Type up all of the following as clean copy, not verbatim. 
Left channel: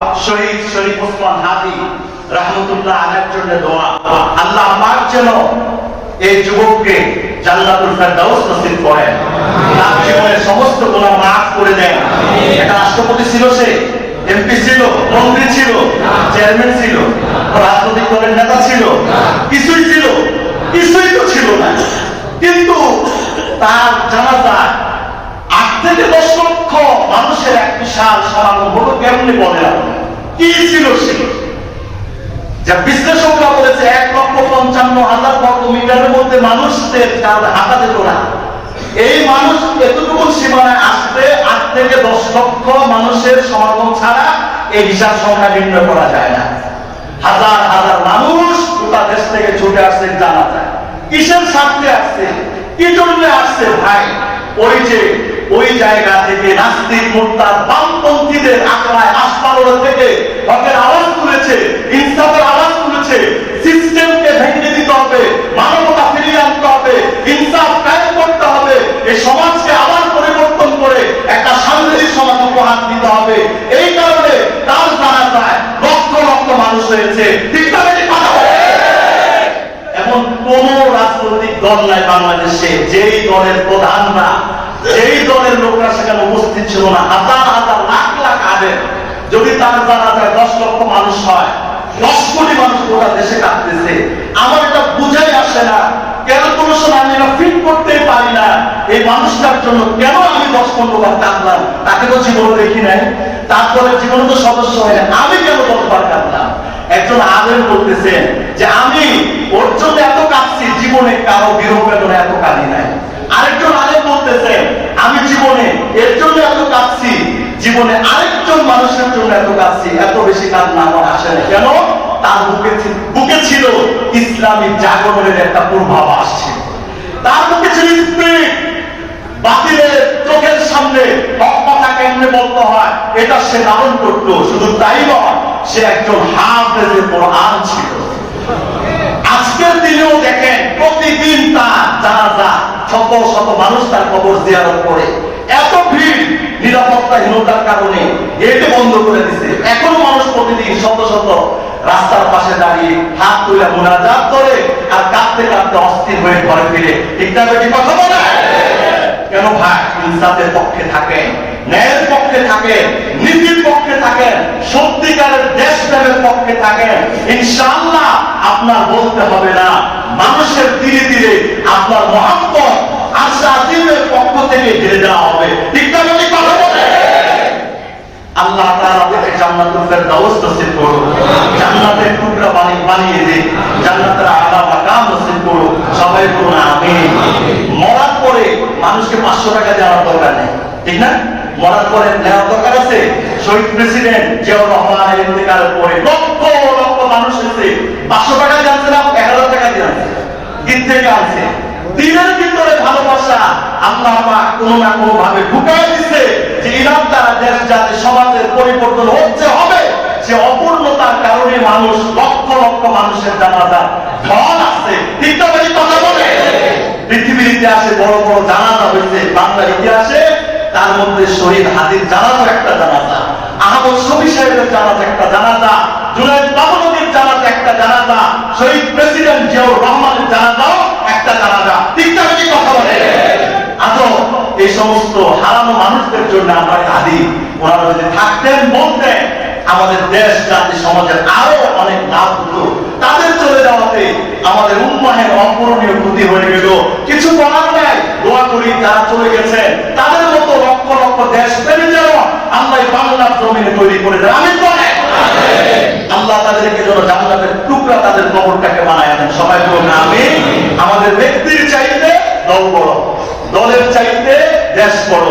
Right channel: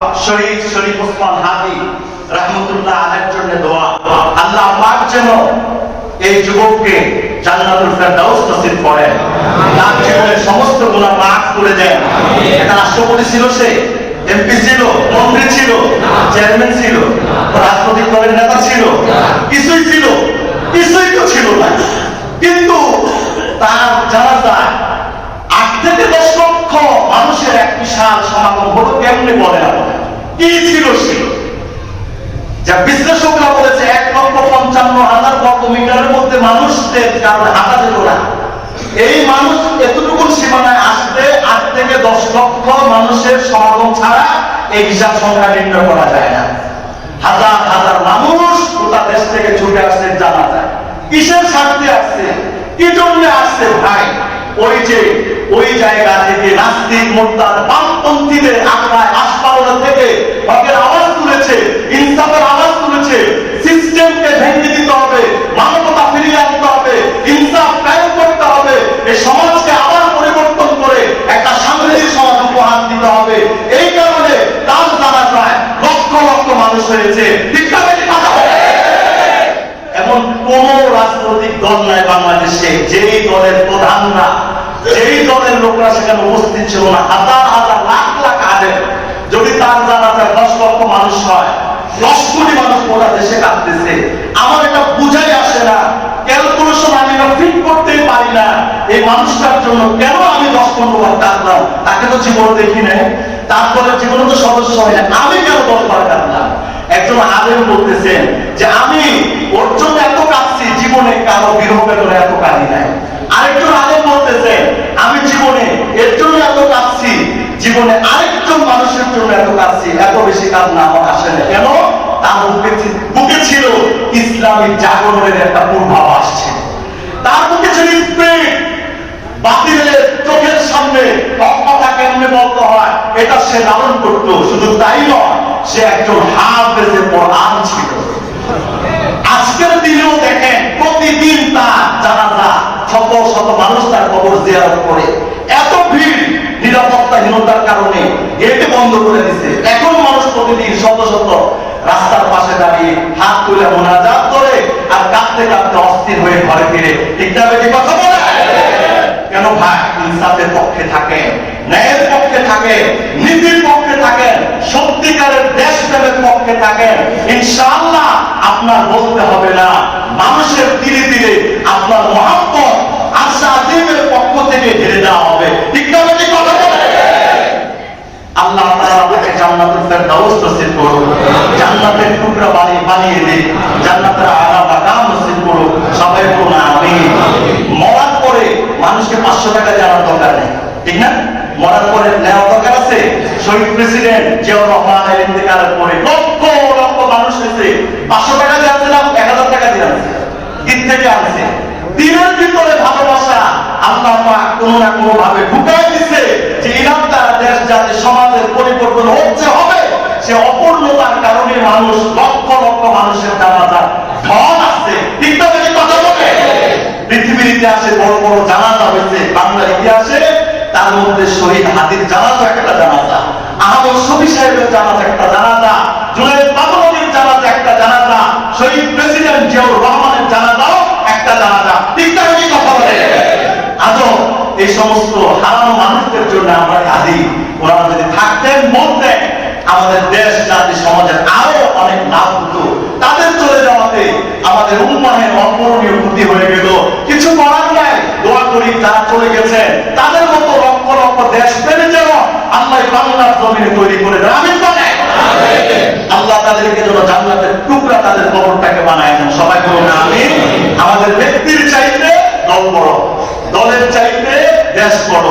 শহীদ শরীফ ওসমান হাদি রাহমাতুল্লাহ আলাইহির জন্য দোয়া। আল্লাহ পাক যেন এই যুবককে জান্নাতুল ফেরদাউস নসিব করেন, তার জীবনের সমস্ত গুনাহ মাফ করে দেন। একটা রাষ্ট্রপতি ছিল, সে এমপি ছিল, মন্ত্রী ছিল, চেয়ারম্যান ছিল, রাজনৈতিক দলের নেতা ছিল, কিছুই ছিল, কিছুই তো ছিল না। কিন্তু তার জানাজায় 8 থেকে 10 লক্ষ মানুষের এক বিশাল সমাগম হলো। কেমনে বলে কি ছিল সে? যা বিশ্লেষকরা বলেছে 1,55,000 বর্গ মিটারের মধ্যে মানুষদের কারণে হাঁটা যেত না। এই মানুষ এতটুকু সীমানায় আসতে 8 থেকে 10 লক্ষ মানুষের সমাগম ছাড়া এই বিশাল সংখ্যা নির্ণয় করা যায় না। হাজার হাজার মানুষ গোটা দেশ থেকে ছুটে আসছে জানা যায়। কিসের স্বার্থে আসছে, কি জন্য আসছে ভাই? ওই জায়গা থেকে নাস্তিক মুরতাদ বামপন্থীদের আগ্রায় আসপারোলা থেকে হকের আওয়াজ তুলেছে, ইনসাফের আওয়াজ তুলেছে। সিস্টেমকে ভেঙে দিতে হবে, মানবতা ফিরিয়ে আনতে হবে, ইনসাফ কায়েম করতে হবে, এই সমাজকে আবার পরিবর্তন করে একটা শান্তির সমাজ উপহার দিতে হবে। এই কারণে তার জানা প্রায় লক্ষ লক্ষ মানুষ হয়েছে। এমন কোন রাজনৈতিক দল নাই বাংলাদেশে যেই দলের প্রধানরা, যেই দলের লোকরা সেখানে উপস্থিত ছিল না। হাজার হাজার লাখ লাখ আলেম, যদি তার জানাজায় 10 লক্ষ মানুষ হয়, 10 কোটি মানুষ গোটা দেশে কাঁদতেছে। আমার এটা বুঝাই আসে না, কেন কোনো সময় আমি এটা ফিট করতেই পারি না এই মানুষটার জন্য কেন আমি 10-15 বার কাঁদলাম। তাকে তো জীবনে দেখি নাই, তার দলের জীবনে তো সদস্য হয় না, আমি কেন 10 বার কাঁদলাম? একজন আলেম বলতেছেন যে আমি ওর জন্য এত কাঁদছি, জীবনে কারো বিরহ বেদনা এত কাঁদি নাই। আরেকজন আলেম বলতেছেন আমি জীবনে এর জন্য এত কাঁদছি, জীবনে আরেকজন মানুষের জন্য এত কাঁদছি, এত বেশি কান্না আমার আসে না। কেন? তার বুকে ছিল ইসলামী জাগরণের একটা পূর্বাভাস ছিল, তার বুকে ছিল স্পিরিট। বাতিলের চোখের সামনে হক কথা কেমনে বলতে হয় এটা সে ধারণ করতো। শুধু তাই নয়, সে একজন হাফেজে কোরআন ছিল। আজকের দিনেও দেখেন প্রতিদিন তার জানাজা শত শত মানুষ তার কবর জিয়ারত করে। এত ভিড়, নিরাপত্তাহীনতার কারণে গেট বন্ধ করে দিছে। এখন মানুষ প্রতিদিন শত শত রাস্তার পাশে দাঁড়িয়ে হাত তুলে মুনাজাত করে আর কাঁদতে কাঁদতে অস্থির হয়ে ঘরে ফিরে। ঠিক না বেশি কথা বলে? কেন ভাই? ইনসাফের পক্ষে থাকেন, ন্যায়ের পক্ষে থাকেন, নীতির পক্ষে থাকেন, সত্যিকারের দেশপ্রেমের পক্ষে থাকেন, ইনশাআল্লাহ আপনার বলতে হবে না, মানুষের ধীরে ধীরে আপনার মহব্বত আশা আজিমের পক্ষ থেকে ঘিরে দেওয়া হবে। ঠিক না বেশি কথা বলে? আল্লাহ তাআলা আপনাকে জান্নাতুল ফেরদাউস নসিব করুন, জান্নাতের টুকরা বানিয়ে দিন, জান্নাতের আলা মাকাম নসিব করুন। সবাই বলুন আমিন। মরার পরে মানুষকে 500 টাকা দেওয়ার দরকার নেই, ঠিক না? মরার পরে নেওয়ার দরকার আছে? শহীদ প্রেসিডেন্ট জিয়াউর রহমানের ইন্তেকালের পরে লক্ষ লক্ষ মানুষ এসে 500 টাকা দিয়ে আনছে না, 1000 টাকা দিয়ে আনছে। দিন থেকে আনছে। দিনের ভিতরে ভালোবাসা আল্লাহ পাক কোনো না কোনো ভাবে ঢুকায় দিচ্ছে যে ইরান দ্বারা দেশ জাতি সমাজের পরিবর্তন হচ্ছে হবে। সে অপূর্ণতার কারণে মানুষ লক্ষ লক্ষ মানুষের জানাজা ঢল আসছে। ঠিক না বেশি কথা বলে? পৃথিবীর ইতিহাসে বড় বড় জানাজা হয়েছে, বাংলার ইতিহাসে তার মধ্যে শহীদ হাদির জানাজা একটা জানাজা, আহমদ শফি সাহেবের জানাজা একটা জানাজা, জুনায়েদ বাবুনগরীর জানাজা একটা জানাজা, শহীদ প্রেসিডেন্ট জিয়াউর রহমানের জানাজাও একটা জানাজা। ঠিক না বেশি কথা বলে? আজও এই সমস্ত হারানো মানুষদের জন্য আমরা কাঁদি। ওনারা যদি থাকতেন, বলতেন, আমাদের দেশ জাতি সমাজের আরো অনেক লাভ হতো। তাদের চলে যাওয়াতে আমাদের উম্মাহের অপূরণীয় ক্ষতি হয়ে গেল। কিছু করার নাই, দোয়া করি যারা চলে গেছেন তাদের মতো লক্ষ লক্ষ দেশ প্রেমী যেন আল্লাহ বাংলার জমিনে তৈরি করে দেন। আমিন বলেন। আল্লাহ তাদেরকে যেন জান্নাতের টুকরা তাদের কবরটাকে বানায় দেন। সবাই বলুন আমিন। আমাদের ব্যক্তির চাইতে দল বড়, দলের চাইতে দেশ বড়,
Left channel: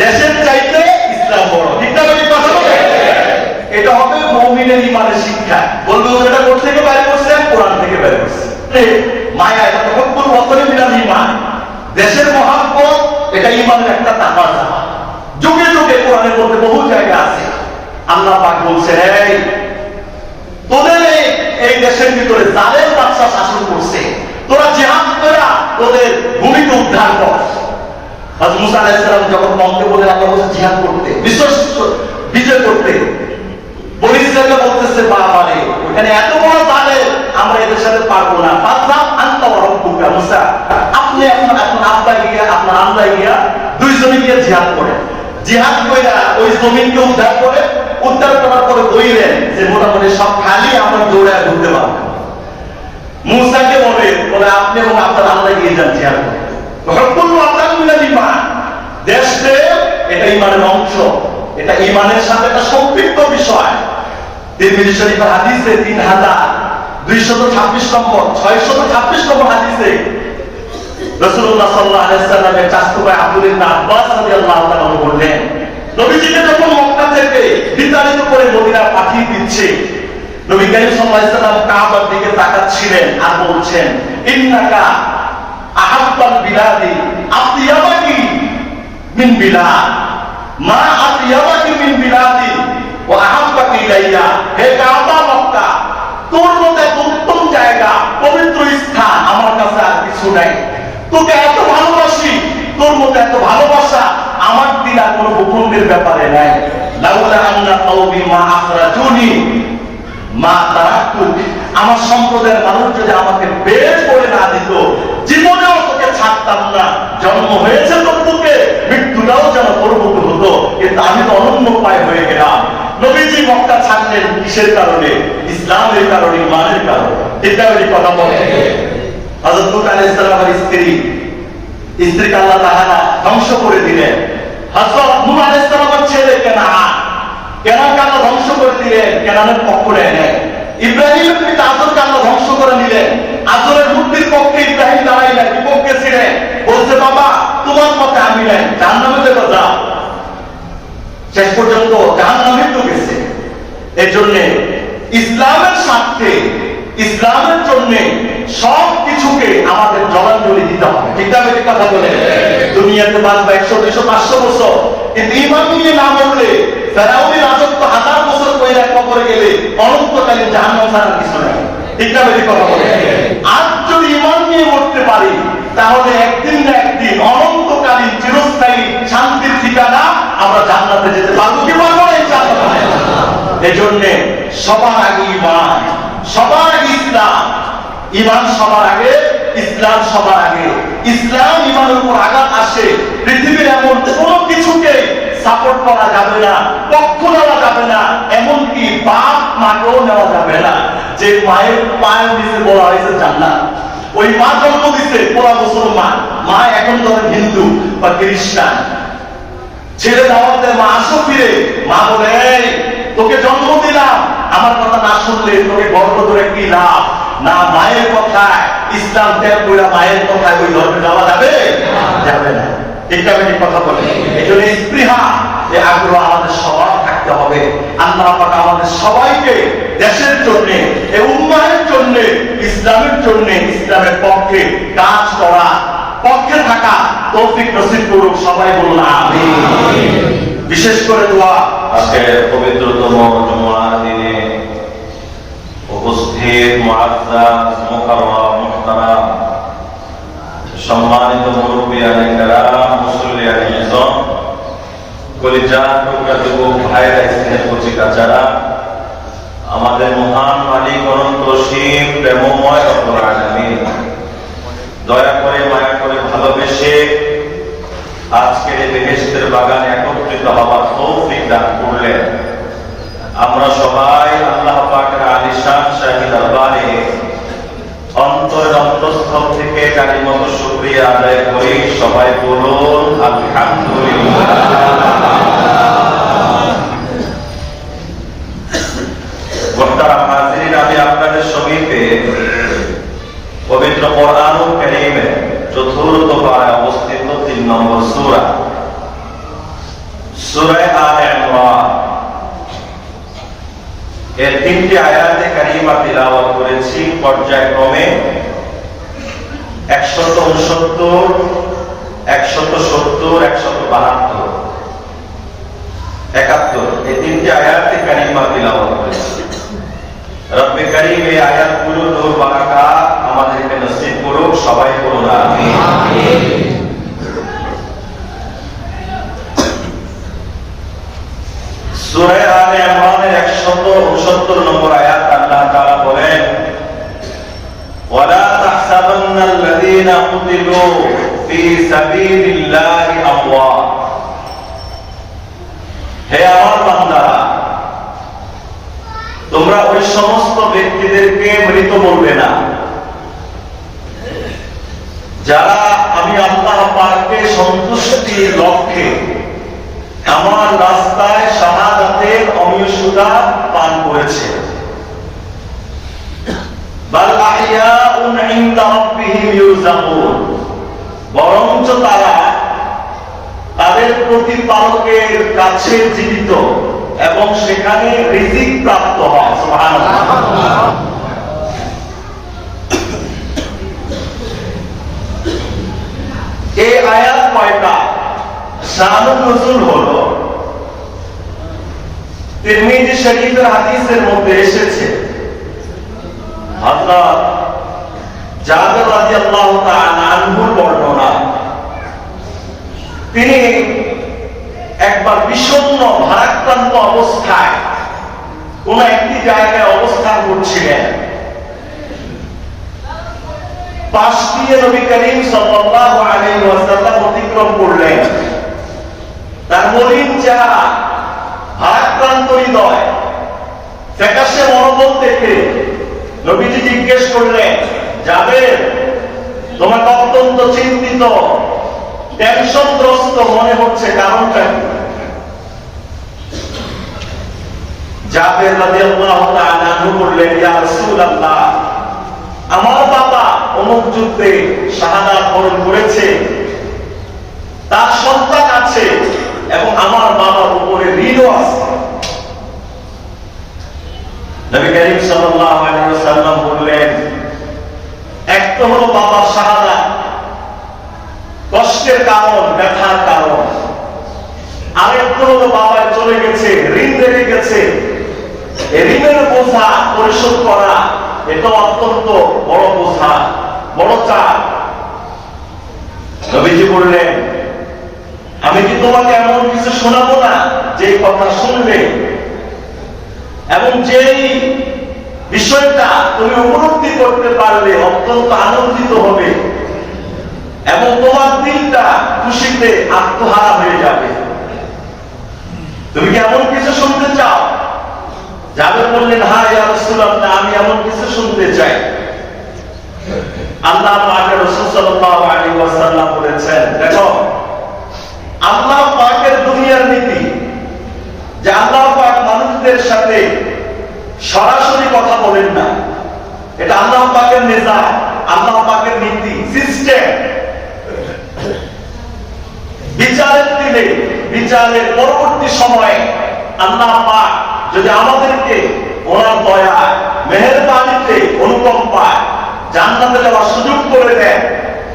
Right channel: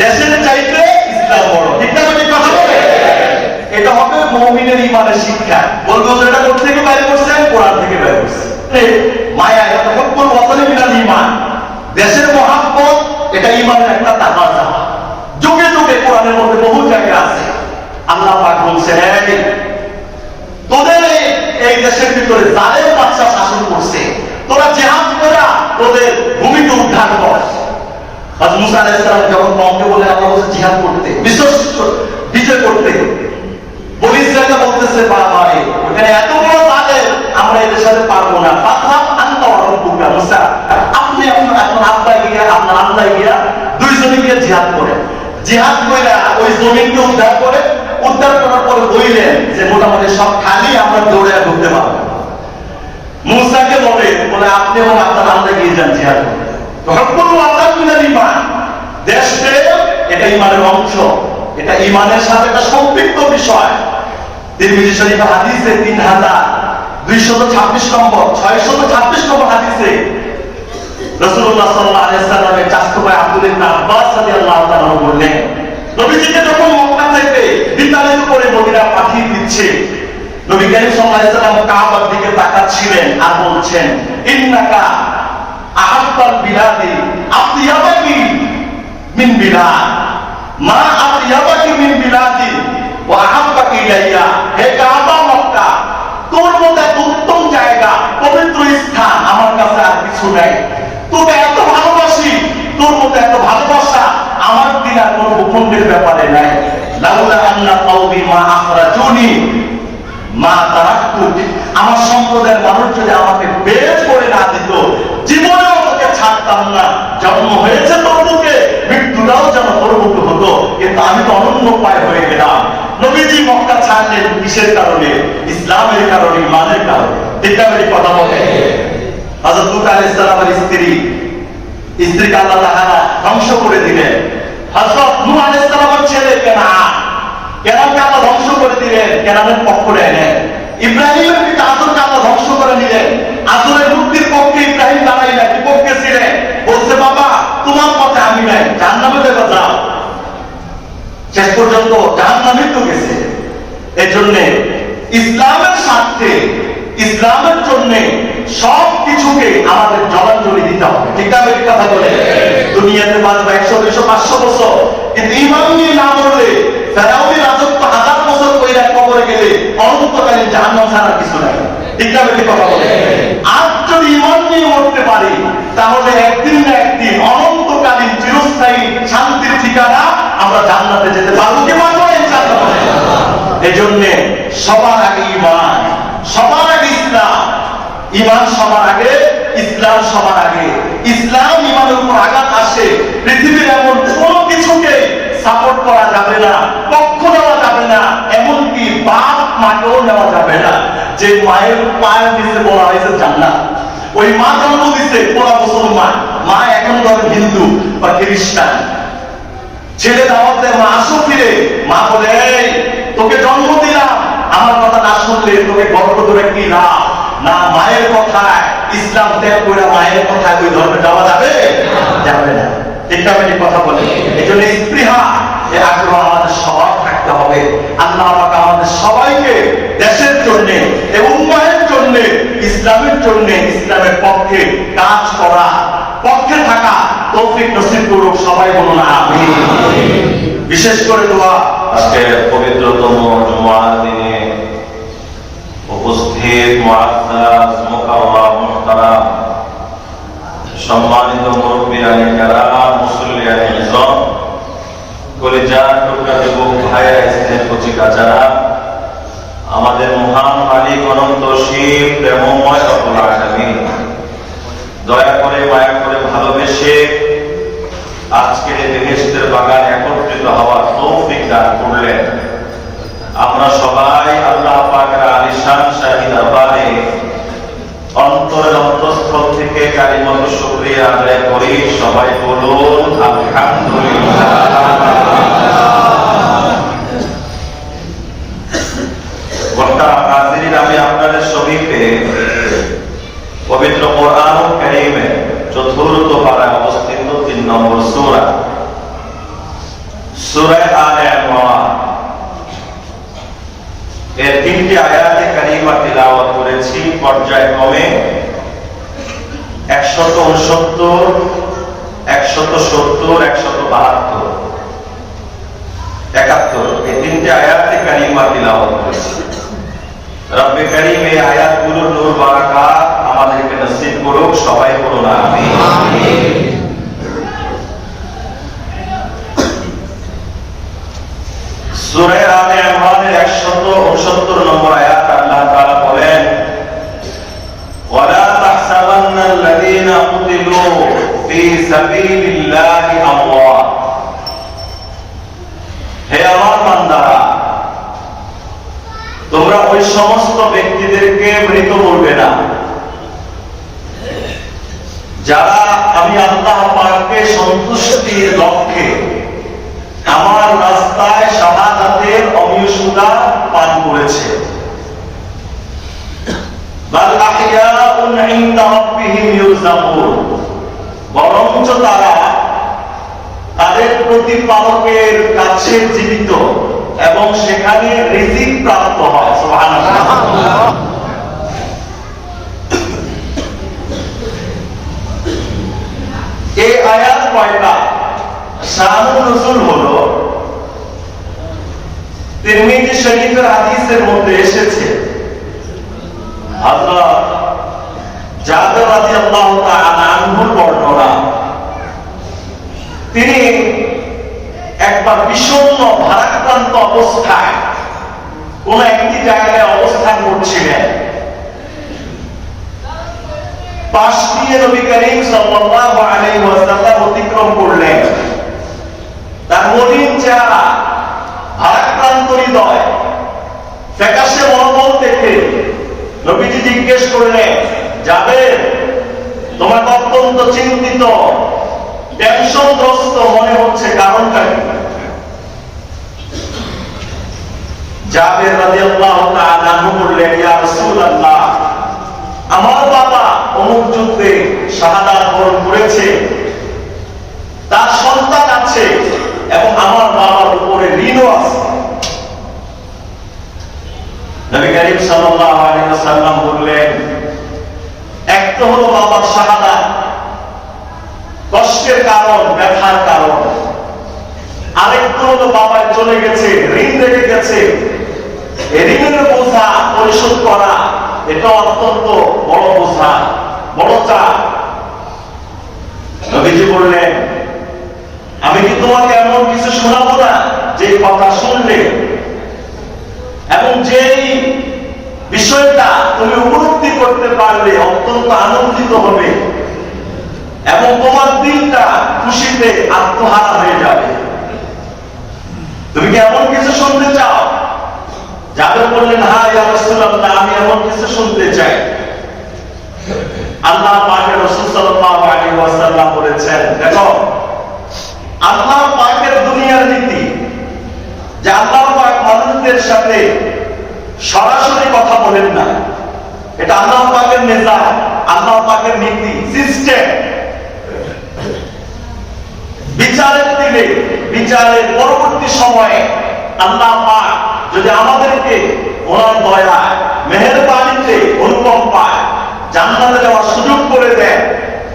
দেশের চাইতে ইসলাম বড়। ঠিক না বেশি কথা বলে? এটা হবে মুমিনের ঈমানের শিক্ষা। বলবো এটা কোথা থেকে বাইরে করছে? কোরআন থেকে বাইরে করছে। মায়া তখন বছরে মিলাল ঈমান, দেশের মহাব্বত, এটা ঈমানের একটা তাকাজা। যুগে যুগে কোরআনের মধ্যে বহু জায়গা আছে। আল্লাহ পাক বলছে তোদের এই দেশের ভিতরে জালেম বাদশা শাসন করছে, তোরা জিহাদ করা ওদের ভূমিকে উদ্ধার কর। হযরত মুসা আলাইহিস সালাম যখন কওমকে বলে আল্লাহ বলেছে জিহাদ করতে, বিজয় করতে, বনি বলতেছে বাবারে ওখানে এত বড় জালে আমরা এদের সাথে পারবো না, মুসা আপনি আপনার আব্বা গিয়া আপনার আব্বা গিয়া দুইজনে গিয়ে জিহাদ করেন, জিহাদ করে ওই জমিনকে উদ্ধার করে, উদ্ধার করার পরে বললেন যে মোটামুটি সব খালি আমরা দৌড়ে ঢুকতে পারবো। মুসাকে বলে আপনি এবং আপনার আল্লাহ গিয়ে যান জিহাদ করতে। দেশে এটা ইমানের অংশ, এটা ইমানের সাথে একটা সম্পৃক্ত বিষয়। তিরমিজি শরীফ হাদিসে 3226 নম্বর 626 নম্বর হাদিসে রাসূলুল্লাহ সাল্লাল্লাহু আলাইহি ওয়াসাল্লামের চাচা ভাই আব্দুল ইবনে আব্বাস রাদিয়াল্লাহু তাআলা বললেন, নবীজিকে যখন মক্কা থেকে বিতাড়িত করে মদিনা পাঠিয়ে দিচ্ছে, নবী কারীম সাল্লাল্লাহু আলাইহি ওয়াসাল্লাম কাবার দিকে তাকাচ্ছিলেন আর বলছেন, ইন্নাকা আহাব্বাল বিলাদি আতিয়াবাকি মিন বিলাদ, মা আতিয়াবাকি মিন বিলাদি ওয়া আহাব্বাকি ইলাইয়া। হে কাবা মক্কা, তোর মতো উত্তম জায়গা, পবিত্র স্থান আমার কাছে আর কিছু নাই। তোকে এত ভালোবাসি, তোর মতো এত ভালোবাসা আমার দিন আর কোনো ভূখণ্ডের ব্যাপারে নাই। লাউলা আন্না কওমি মা আখরাজুনি মা তারাকতুক, আমার সম্প্রদায়ের মানুষ যদি আমাকে বের করে না দিত, জীবনেও তোকে ছাড়তাম না। জন্ম হয়েছে তোর বুকে, মৃত্যুটাও যেন তোর বুকে হতো, কিন্তু আমি তো অনন্য উপায় হয়ে গেলাম। নবীজি মক্কা ছাড়লেন কিসের কারণে? ইসলামের কারণে, ইমানের কারণে। ঠিক না বলি কথা বলে? হযরত লূত আলাইহিস সালামের স্ত্রীকে আল্লাহ তাআলা ধ্বংস করে দিলেন। হযরত নূহ আলাইহিস সালামের ছেলে কেনানকে আল্লাহ ধ্বংস করে দিলেন, কেনানের পক্ষ নেন। ইব্রাহিমের পিতা আজরকে আল্লাহ ধ্বংস করে নিলেন। আজরের মুক্তির পক্ষে ইব্রাহিম দাঁড়াইলেন, বিপক্ষে ছিলেন, বলছে বাবা তোমার পথে আমি নাই, জাহান্নামে যাবে যাও। শেষ পর্যন্ত জাহান্নামে তো গেছে। এই জন্য ইসলামের স্বার্থে, ইসলামের জন্য সব কিছুকে আমাদের জলাঞ্জলি দিতে হবে। ঠিক না বেশি কথা বলে? দুনিয়াতে বাঁচবে 100, 200, 500 বছর, কিন্তু ইমান নিয়ে না মরলে ফেরাউনের রাজত্ব 1000 বছর কইরা কবরে গেলে অনন্তকালীন জাহান্নাম ছাড়া কিছু নাই। ঠিক না বেশি কথা বলে? আর যদি ইমান নিয়ে মরতে পারি, তাহলে একদিন না একদিন অনন্তকালীন চিরস্থায়ী শান্তির ঠিকানা আমরা জান্নাতে যেতে পারবো কি পারবো না? ইনশাআল্লাহ। এই জন্য সবার আগে ইমান, সবার আগে ইসলাম। ইমান সবার আগে, ইসলাম সবার আগে। ইসলাম ইমানের উপর আঘাত আসে, পৃথিবীর এমন কোন কিছুকে সাপোর্ট করা যাবে না, পক্ষ নেওয়া যাবে না, এমনকি বাপ মাকেও নেওয়া যাবে না। যে মায়ের পায়ের নিচে বলা হয়েছে জান্নাত, ওই মা জন্ম দিচ্ছে পুরা মুসলমান, মা এখন ধরেন হিন্দু বা খ্রিস্টান, ছেলে দাওয়াতে মা আসো ফিরে, মা বলে এই তোকে জন্ম দিলাম, আমার কথা না শুনলে তোকে গর্ব ধরে কি লাভ? না, মায়ের কথায় ইসলাম ত্যাগ করে মায়ের কথায় ওই ধর্মে যাওয়া যাবে? যাবে না। ঠিক না ঠিক কথা বলে? এই জন্য স্পৃহা, এই আগ্রহ আমাদের সবার থাকতে হবে। আল্লাহ পাক আমাদের সবাইকে দেশের জন্য এবং উম্মাহের জন্য, ইসলামের জন্য, ইসলামের পক্ষে কাজ করা, পক্ষে থাকা তৌফিক নসিব করুক। সবাই বলুন আমিন। বিশেষ করে দোয়া। আজকে পবিত্রতম জুমার দিনে উপস্থিত মুআজ্জাজ মুকাররম মুহতারাম সম্মানিত মুরব্বিয়ানে কেরাম, মুসল্লিয়ানে ইজম, কলিজার টুকরা যুবক ভাইরা, স্নেহ কচিকাচারা, আমাদের মহান মালিক অনন্তশীল প্রেমময় রব্বুল আলামিন দয়া করে, মায়া করে, ভালোবেসে আজকের এই বেহেশতের বাগানে একত্রিত হওয়ার তৌফিক দান করলেন। আমরা সবাই আল্লাহ পাকের আলিশান শাহী দরবারে অন্তরের অন্তঃস্থল থেকে কালিমাত শুকরিয়া আদায় করি। সবাই বলুন আলহামদুলিল্লাহ। মোহতারাম হাজিরিন, আমি আপনাদের সমীপে পবিত্র কোরআনুল কারীমের 4th পারায় অবস্থিত 3 নম্বর সূরা, সূরা আলে ইমরান এর 3টি আয়াতে কারিমা তিলাওয়াত করেছি পর্যায়ক্রমে 169, 170, 172, 71 এই 3টি আয়াতে কারিমা তিলাওয়াত করেছি। রব্বে কারীম এই আয়াতগুলোর নূর বারাকাত আমাদেরকে নসিব করুক। সবাই বলুন আমিন। সূরা আলে ইমরানের 169 নম্বর আয়াত আল্লাহ তাআলা বলেন, ওয়ালা তাহসাবান্নাল্লাযীনা কুতিলু ফী সাবিলিল্লাহি আমওয়াত। হে আমার বান্দারা, তোমরা ওই সমস্ত ব্যক্তিদেরকে মৃত বলবে না যারা আমি আল্লাহ পাককে সন্তুষ্টির লক্ষ্যে আমার রাস্তায় শাহাদাতের অমীয় সুধা পান করেছে। বাল আহইয়াউন ইনদা রাব্বিহিম ইউরযাকুন, বরঞ্চ তারা তাদের প্রতিপালকের কাছে জীবিত এবং সেখানে রিজিক প্রাপ্ত হয়। সুবহানাল্লাহ। এই আয়াত কয়টা? শানুন নুজুল হলো তিরমিজি শরীফের হাদিসের মধ্যে এসেছে, হযরত জাবের রাদিয়াল্লাহু তাআলা আনহুর বর্ণনা। তিনি একবার বিষণ্ণ ভারাক্রান্ত অবস্থায় কোন একটি জায়গায় অবস্থান করছিলেন। পাশ দিয়ে নবী করিম সাল্লাল্লাহু আলাইহি ওয়াসাল্লাম অতিক্রম করলেন। তার মলিন চেহারা, ভারাক্রান্ত হৃদয়, ফ্যাকাশে মনোবল দেখে নবীজি জিজ্ঞেস করলেন, জাবের, তোমাকে অত্যন্ত চিন্তিত, টেনশনগ্রস্ত মনে হচ্ছে, কারণটা কি? জাবের রাদিয়াল্লাহু তাআলা আনহু বললেন, ইয়া রাসূলুল্লাহ, আমার বাবা অমুক যুদ্ধে শাহাদাত বরণ করেছে, তার সন্তান আছে এবং আমার বাবার উপরে ঋণও আছে। নবী করিম সাল্লাল্লাহু আলাইহি ওয়াসাল্লাম বললেন, এক তো হলো বাবার শাহাদাত, কষ্টের কারণ, ব্যথার কারণ, আরেকটা হলো বাবা চলে গেছে, ঋণ রেখে গেছে, এই ঋণের বোঝা পরিশোধ করা এটা অত্যন্ত বড় বোঝা, বড় চাপ। নবীজি বললেন, আমি কি তোমাকে এমন কিছু শোনাবো না যে কথা শুনলে এবং যেই বিষয়টা তুমি উপলব্ধি করতে পারলে অত্যন্ত আনন্দিত হবে এবং তোমার দিলটা খুশিতে আত্মহারা হয়ে যাবে? তুমি কি এমন কিছু শুনতে চাও? জাবের বললেন, হ্যাঁ ইয়া রাসূলুল্লাহ, আমি এমন কিছু শুনতে চাই। আল্লাহ পাকের রাসূল সাল্লাল্লাহু আলাইহি ওয়াসাল্লাম বলেছেন, দেখো, আল্লাহ পাকের দুনিয়ার নীতি যে আল্লাহ পাক মানুষদের সাথে সরাসরি কথা বলেন না, এটা আল্লাহ পাকের মেজাজ, আল্লাহ পাকের নীতি, সিস্টেম। বিচারের দিনে, বিচারের পরবর্তী সময়ে আল্লাহ পাক যদি আমাদেরকে ওনার দয়া, মেহেরবানিতে, অনুকম্পায় জান্নাতে যাওয়ার সুযোগ করে দেন,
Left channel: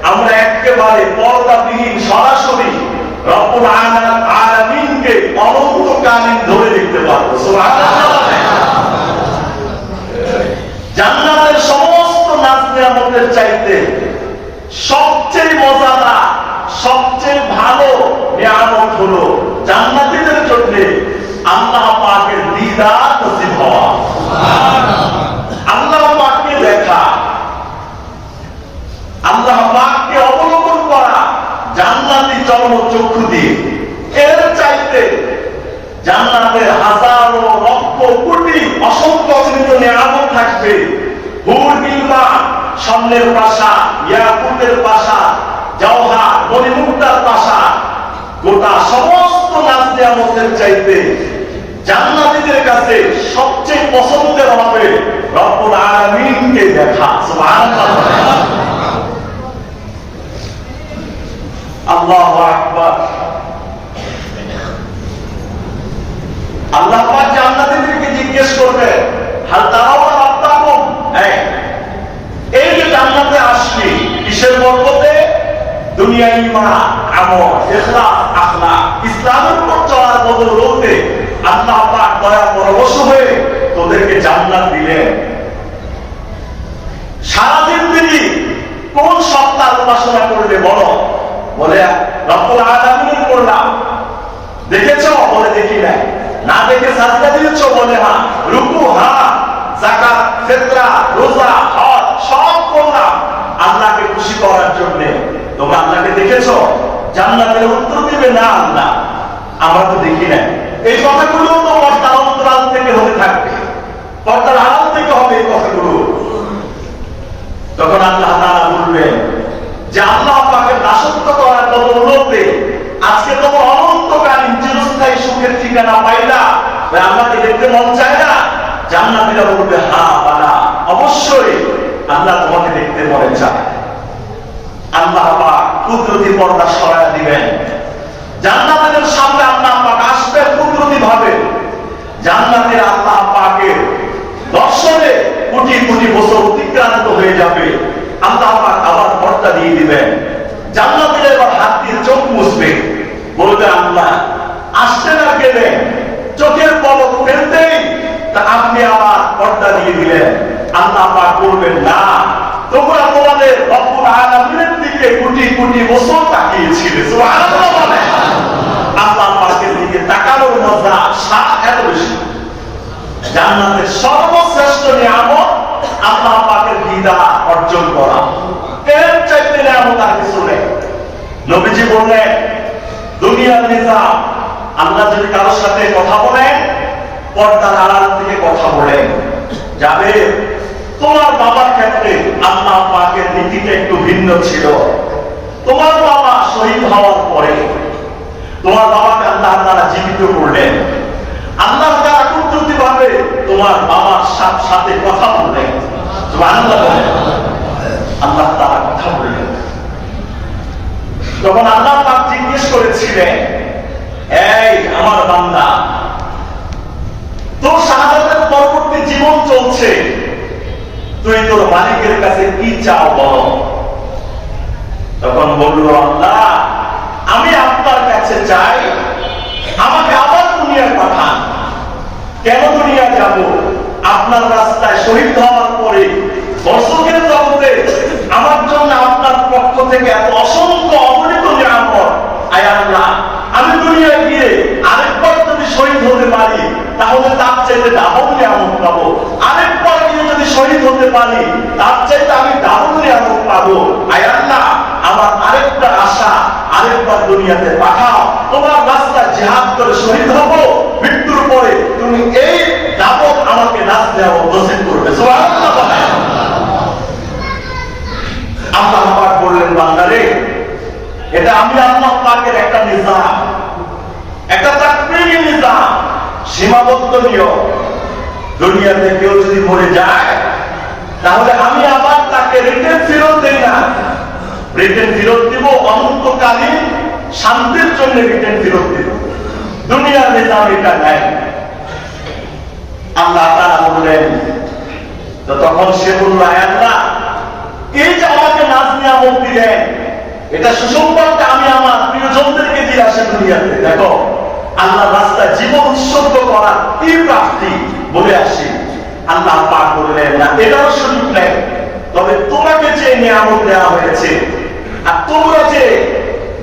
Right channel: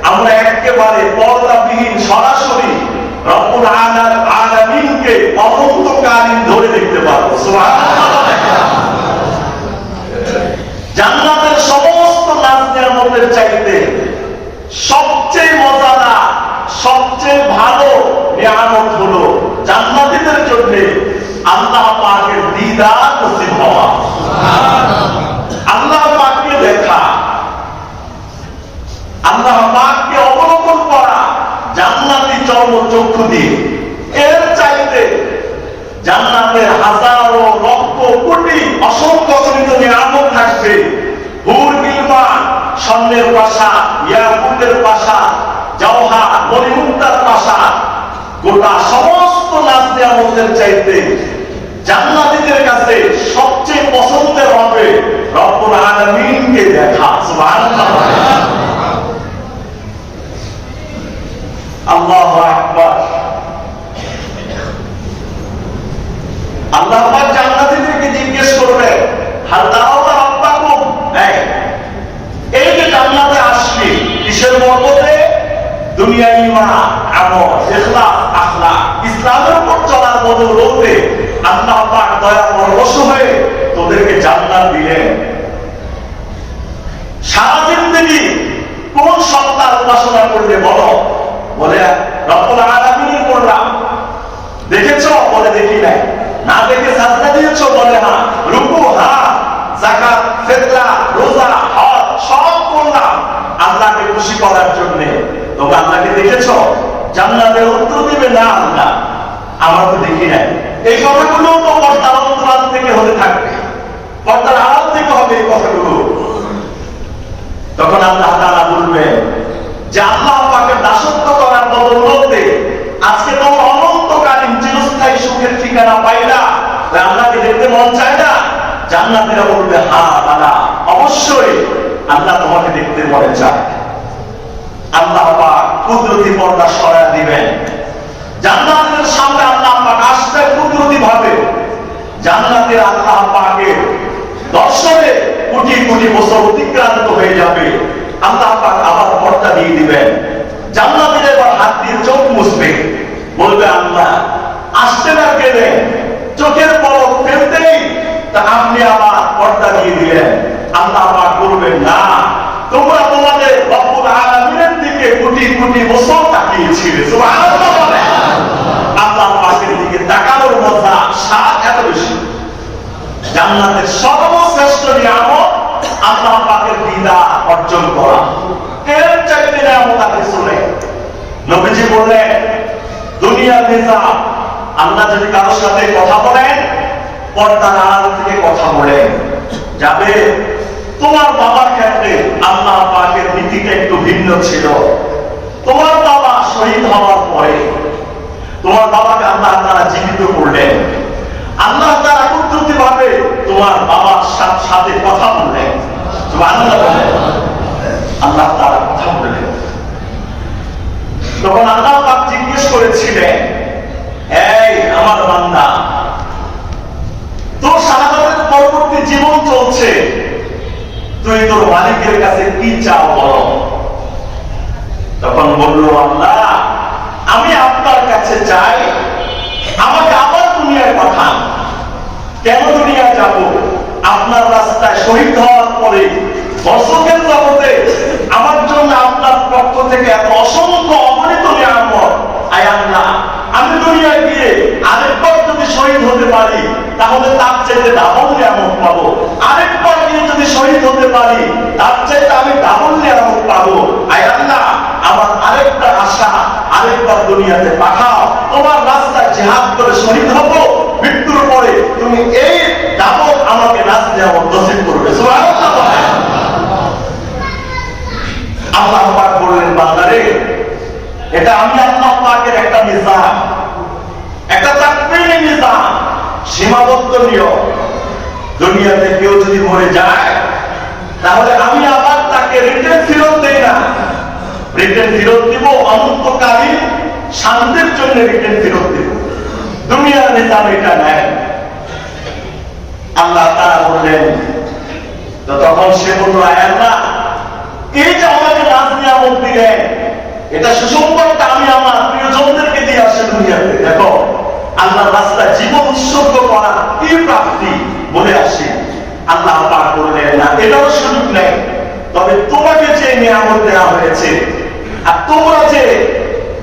আমরা একেবারে পর্দাবিহীন সরাসরি রব্বুল আলামিনকে অনন্তকালীন ধরে দেখতে পারবো। সুবহানাল্লাহ। জান্নাতের সমস্ত নাজ-নিয়ামতের চাইতে সবচেয়ে মজাদার, সবচেয়ে ভালো নিয়ামত হলো জান্নাতীদের জন্য আল্লাহ পাকের দিদার নসিব হওয়া, আল্লাহ পাককে দেখা, আল্লাহ পাককে অবলোকন করা জান্নাতি চর্মচক্ষু দিয়ে। এর চাইতে জান্নাতের হাজারো লক্ষ কোটি অসংখ্য অগণিত নিয়ামত থাকবে। হুর গিলমান, স্বর্ণের প্রাসাদ, ইয়াকুতের প্রাসাদ, জওহার, মণিমুক্তার প্রাসাদ, গোটা সমস্ত নাজ নিয়ামতের চাইতে জান্নাতীদের কাছে সবচেয়ে পছন্দের হবে রব্বুল আলামিনকে দেখা। সুবহানাল্লাহ। আল্লাহু আকবার। আল্লাহ পাক জান্নাতীদেরকে জিজ্ঞেস করবে, হাল তারাউনা রাব্বাকুম, এই যে জান্নাতে আসলি কিসের বরকতে? দুনিয়া, ঈমান, আমল, ইখলাস, আখলাক, ইসলামের উপর চলার বদৌলতে আল্লাহ পাক দয়া পরবশ হয়ে তোদেরকে জান্নাত দিলেন। সারা জিন্দেগি কোন সত্তার উপাসনা করলে বলো? বলে রব্বুল আলামিনের করলাম। দেখেছো? বলে দেখি নাই। না দেখে সাজদা দিয়েছো? বলে হ্যাঁ। ফিতরা, রোজা, হজ সব করলাম আল্লাহকে খুশি করার জন্য। তোমরা আল্লাহকে দেখেছো? জান্নাতের উত্তর দিবে না আল্লাহ, আমরা তো দেখি না। এই কথাগুলো তো পর্দার অন্তরাল থেকে হতে থাকবে, পর্দার আড়াল থেকে হবে এই কথাগুলো। তখন আল্লাহ তাআলা বলবেন যে আল্লাহ পাকের দাসত্ব করার বদৌলতে আজকে তোমার অনন্তকালীন চিরস্থায়ী সুখের ঠিকানা পাইলা, আল্লাহকে দেখতে মন চায় না? জান্নাতীরা বলবে হ্যাঁ বাবা, অবশ্যই আল্লাহ তোমাকে দেখতে মনে চায়। আল্লাহ পাক কুদরতি পর্দা সরায় দিবেন, জান্নাতীদের সামনে আল্লাহ পাক আসবে কুদরতি ভাবে। জান্নাতের আল্লাহ পাকের দর্শনে কোটি কোটি বছর অতিক্রান্ত হয়ে যাবে। আল্লাহ পাক আবার পর্দা দিয়ে দিবেন। জান্নাতীরা এবার হাত দিয়ে চোখ মুছবে, বলবে আল্লাহ আসতে না গেলে চোখের পলক ফেলতেই তা আপনি আবার পর্দা দিয়ে দিলেন। আল্লাহ পাক বলবেন না, তোমরা তোমাদের রব্বুল আলামিনের দিকে কোটি কোটি বছর তাকিয়েছিলে। সুবহানাল্লাহ বলেন। আল্লাহ পাকের দিকে তাকানোর মজা, স্বাদ এত বেশি। জান্নাতের সর্বশ্রেষ্ঠ নিয়ামত আল্লাহ পাকের দিদার অর্জন করা। এর চাইতে নিয়ামত আর কিছু নেই। নবীজি বললেন দুনিয়ার নিজাম, আল্লাহ যদি কারোর সাথে কথা বলেন পর্দার আড়াল থেকে কথা বলেন। যাবে তোমার বাবার ক্ষেত্রে আল্লাহ পাকের নীতিটা একটু ভিন্ন ছিল। তোমার বাবা শহীদ হওয়ার পরে তোমার বাবাকে আল্লাহ তাআলা জীবিত করলেন। আল্লাহ তাআলা কুদরতি ভাবে তোমার বাবার সাথে কথা বললেন। সুবহানাল্লাহ বলেন। আল্লাহ তাআলা কথা বললেন। তখন আল্লাহ পাক জিজ্ঞেস করেছিলেন, এই আমার বান্দা, তোর শাহাদাতের পরবর্তী জীবন চলছে, তুই তোর মালিকের কাছে কি চাও বলো? তখন বলল আল্লাহ, আমি আপনার কাছে চাই আমাকে আবার দুনিয়ায় পাঠান। কেন দুনিয়া যাব? আপনার রাস্তায় শহীদ হওয়ার পরে দর্শকের জগতে আমার জন্য আপনার পক্ষ থেকে এত অসংখ্য অগণিত নিয়ামত। আয় আল্লাহ, আমি দুনিয়ায় গিয়ে আরেকবার যদি শহীদ হতে পারি তাহলে তার চাইতে ডাবল নিয়ামত পাবো। আরেকবার গিয়ে যদি শহীদ হতে পারি তার চাইতে আমি ডাবল নিয়ামত পাবো। আয় আল্লাহ, আমার আরেকটা আশা, আরেকবার দুনিয়াতে পাঠাও, তোমার রাস্তায় জিহাদ করে শহীদ হবো। মৃত্যুর পরে তুমি এই দাবত আমাকে রাস্তায় নসিব করবে। সুবহানাল্লাহ। আল্লাহ পাক বললেন, বান্দারে, এটা আমি আল্লাহ পাকের একটা নিজাম, একটা তাকবীরি নিজাম, সীমাবদ্ধ নিয়ম। দুনিয়াতে কেউ যদি মরে যায় তাহলে আমি আবার তাকে রিটার্ন ফেরত দেই না। রিটার্ন ফেরত দিব অনন্তকালীন শান্তির জন্য, রিটার্ন ফেরত দিব। দুনিয়ার নিজাম এটা নেয়। আল্লাহ তাআলা বললেন, তো তখন সে বলল, আল্লাহ, এই যে আমাকে নাজ নিয়ামত দিলেন, এটা সুসংবাদটা আমি আমার প্রিয়জনদেরকে দিয়ে আসি দুনিয়াতে। দেখো, আল্লাহ রাস্তায় জীবন উৎসর্গ করার কি প্রাপ্তি বলে আসি। আল্লাহ পাক বললেন, না, এটাও সুযোগ নেই। তবে তোমাকে যে নিয়ামত দেওয়া হয়েছে আর তোমরা যে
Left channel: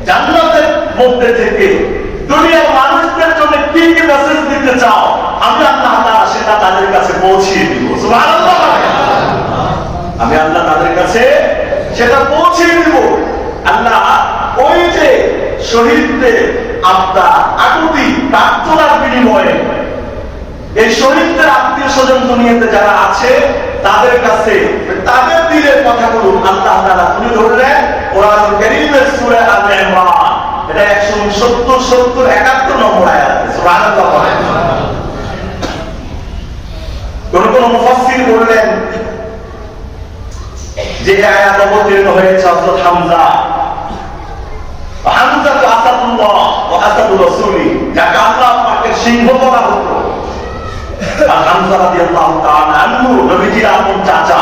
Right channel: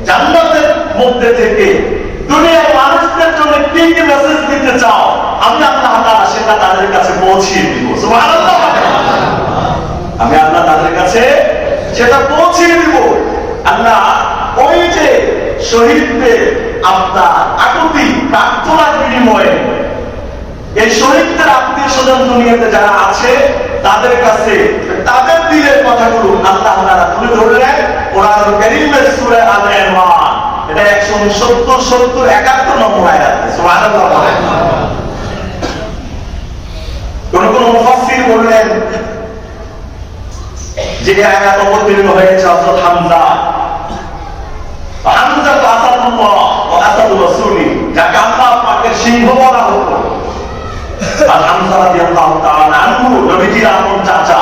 জান্নাতের মধ্যে থেকে দুনিয়ার মানুষদের জন্য কি কি মেসেজ দিতে চাও, আমি আল্লাহ তাআলা সেটা তাদের কাছে পৌঁছিয়ে দিব। সুবহানাল্লাহ। আমি আল্লাহ তাদের কাছে সেটা পৌঁছিয়ে দিব। আল্লাহ ওই যে শহীদদের আপনার আকুতি প্রার্থনার বিনিময়ে এই শহীদদের আত্মীয় স্বজন দুনিয়াতে যারা আছে তাদের কাছে তাদের দিলের কথাগুলো আল্লাহ তাআলা তুলে ধরলেন কোরআনুল কারীমের সূরা আলে ইমরান। এটা 170, 70, 71 নম্বর আয়াত। সুবহানাল্লাহ। কোন কোন মুফাসসির বললেন যে আয়াত অবতীর্ণ হয়েছে হযরত হামজা। হামজা তো আসাদুল্লাহ ওয়া আসাদুর রাসূলি, যাকে আল্লাহ পাকের সিংহ বলা হতো। আর হামজা রাদিয়াল্লাহু তাআলা আনহু নবীজির আপন চাচা।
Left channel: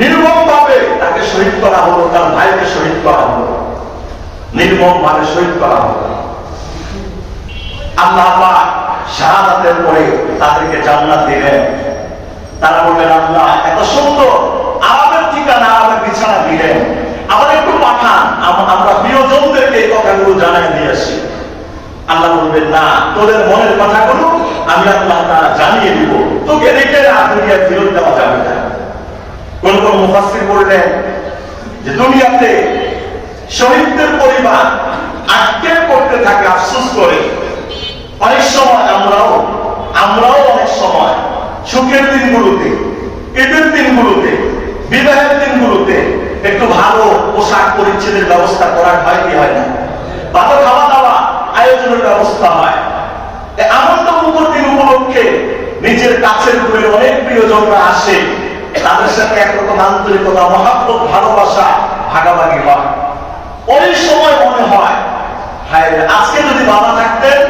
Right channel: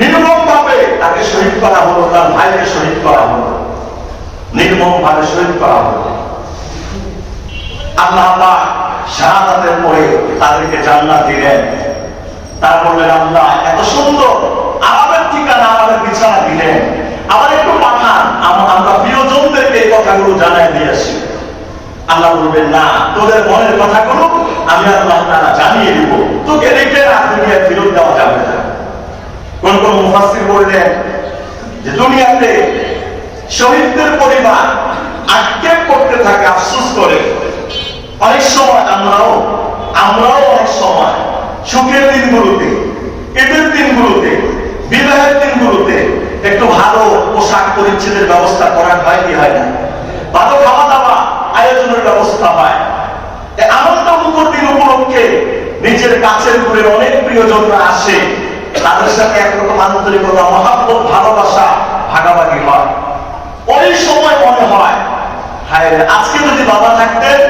নির্মমভাবে তাকে শহীদ করা হলো, তার ভাইকে শহীদ করা হলো, নির্মমভাবে শহীদ করা হলো। আল্লাহ পাক শাহাদাতের পরে তাদেরকে জান্নাত দিলেন। তারা বললেন, আল্লাহ, এত সুন্দর আরামের ঠিকানা, আরামের বিছানা দিলেন, আবার একটু পাঠান, আমরা প্রিয়জনদেরকে এই কথাগুলো জানাই দিয়ে আসি। আল্লাহ বলবেন, না, তোদের মনের কথাগুলো আমি আল্লাহ তাআলা জানিয়ে দিব, তোকে রেখে না দুনিয়া ফেরত দেওয়া করলেন যে দুনিয়াতে শহীদদের পরিবার আক্ষেপ করতে থাকে, আফসোস করে। অনেক সময় আমরাও অনেক সময় সুখের দিনগুলোতে, ঈদের দিনগুলোতে, বিবাহের দিনগুলোতে একটু ভালো পোশাক পরিচ্ছদের ব্যবস্থা করা হয় কি হয় না? ভালো খাওয়া দাওয়া আয়োজনের ব্যবস্থা হয়। আনন্দ মুখর দিন উপলক্ষে নিজের কাছের করে অনেক প্রিয়জনরা আসে, তাদের সাথে একরকম আন্তরিকতা, মহাব্বত, ভালোবাসা ভাগাভাগি হয়। ওই সময় মনে হয় হায় আজকে যদি বাবা থাকতেন,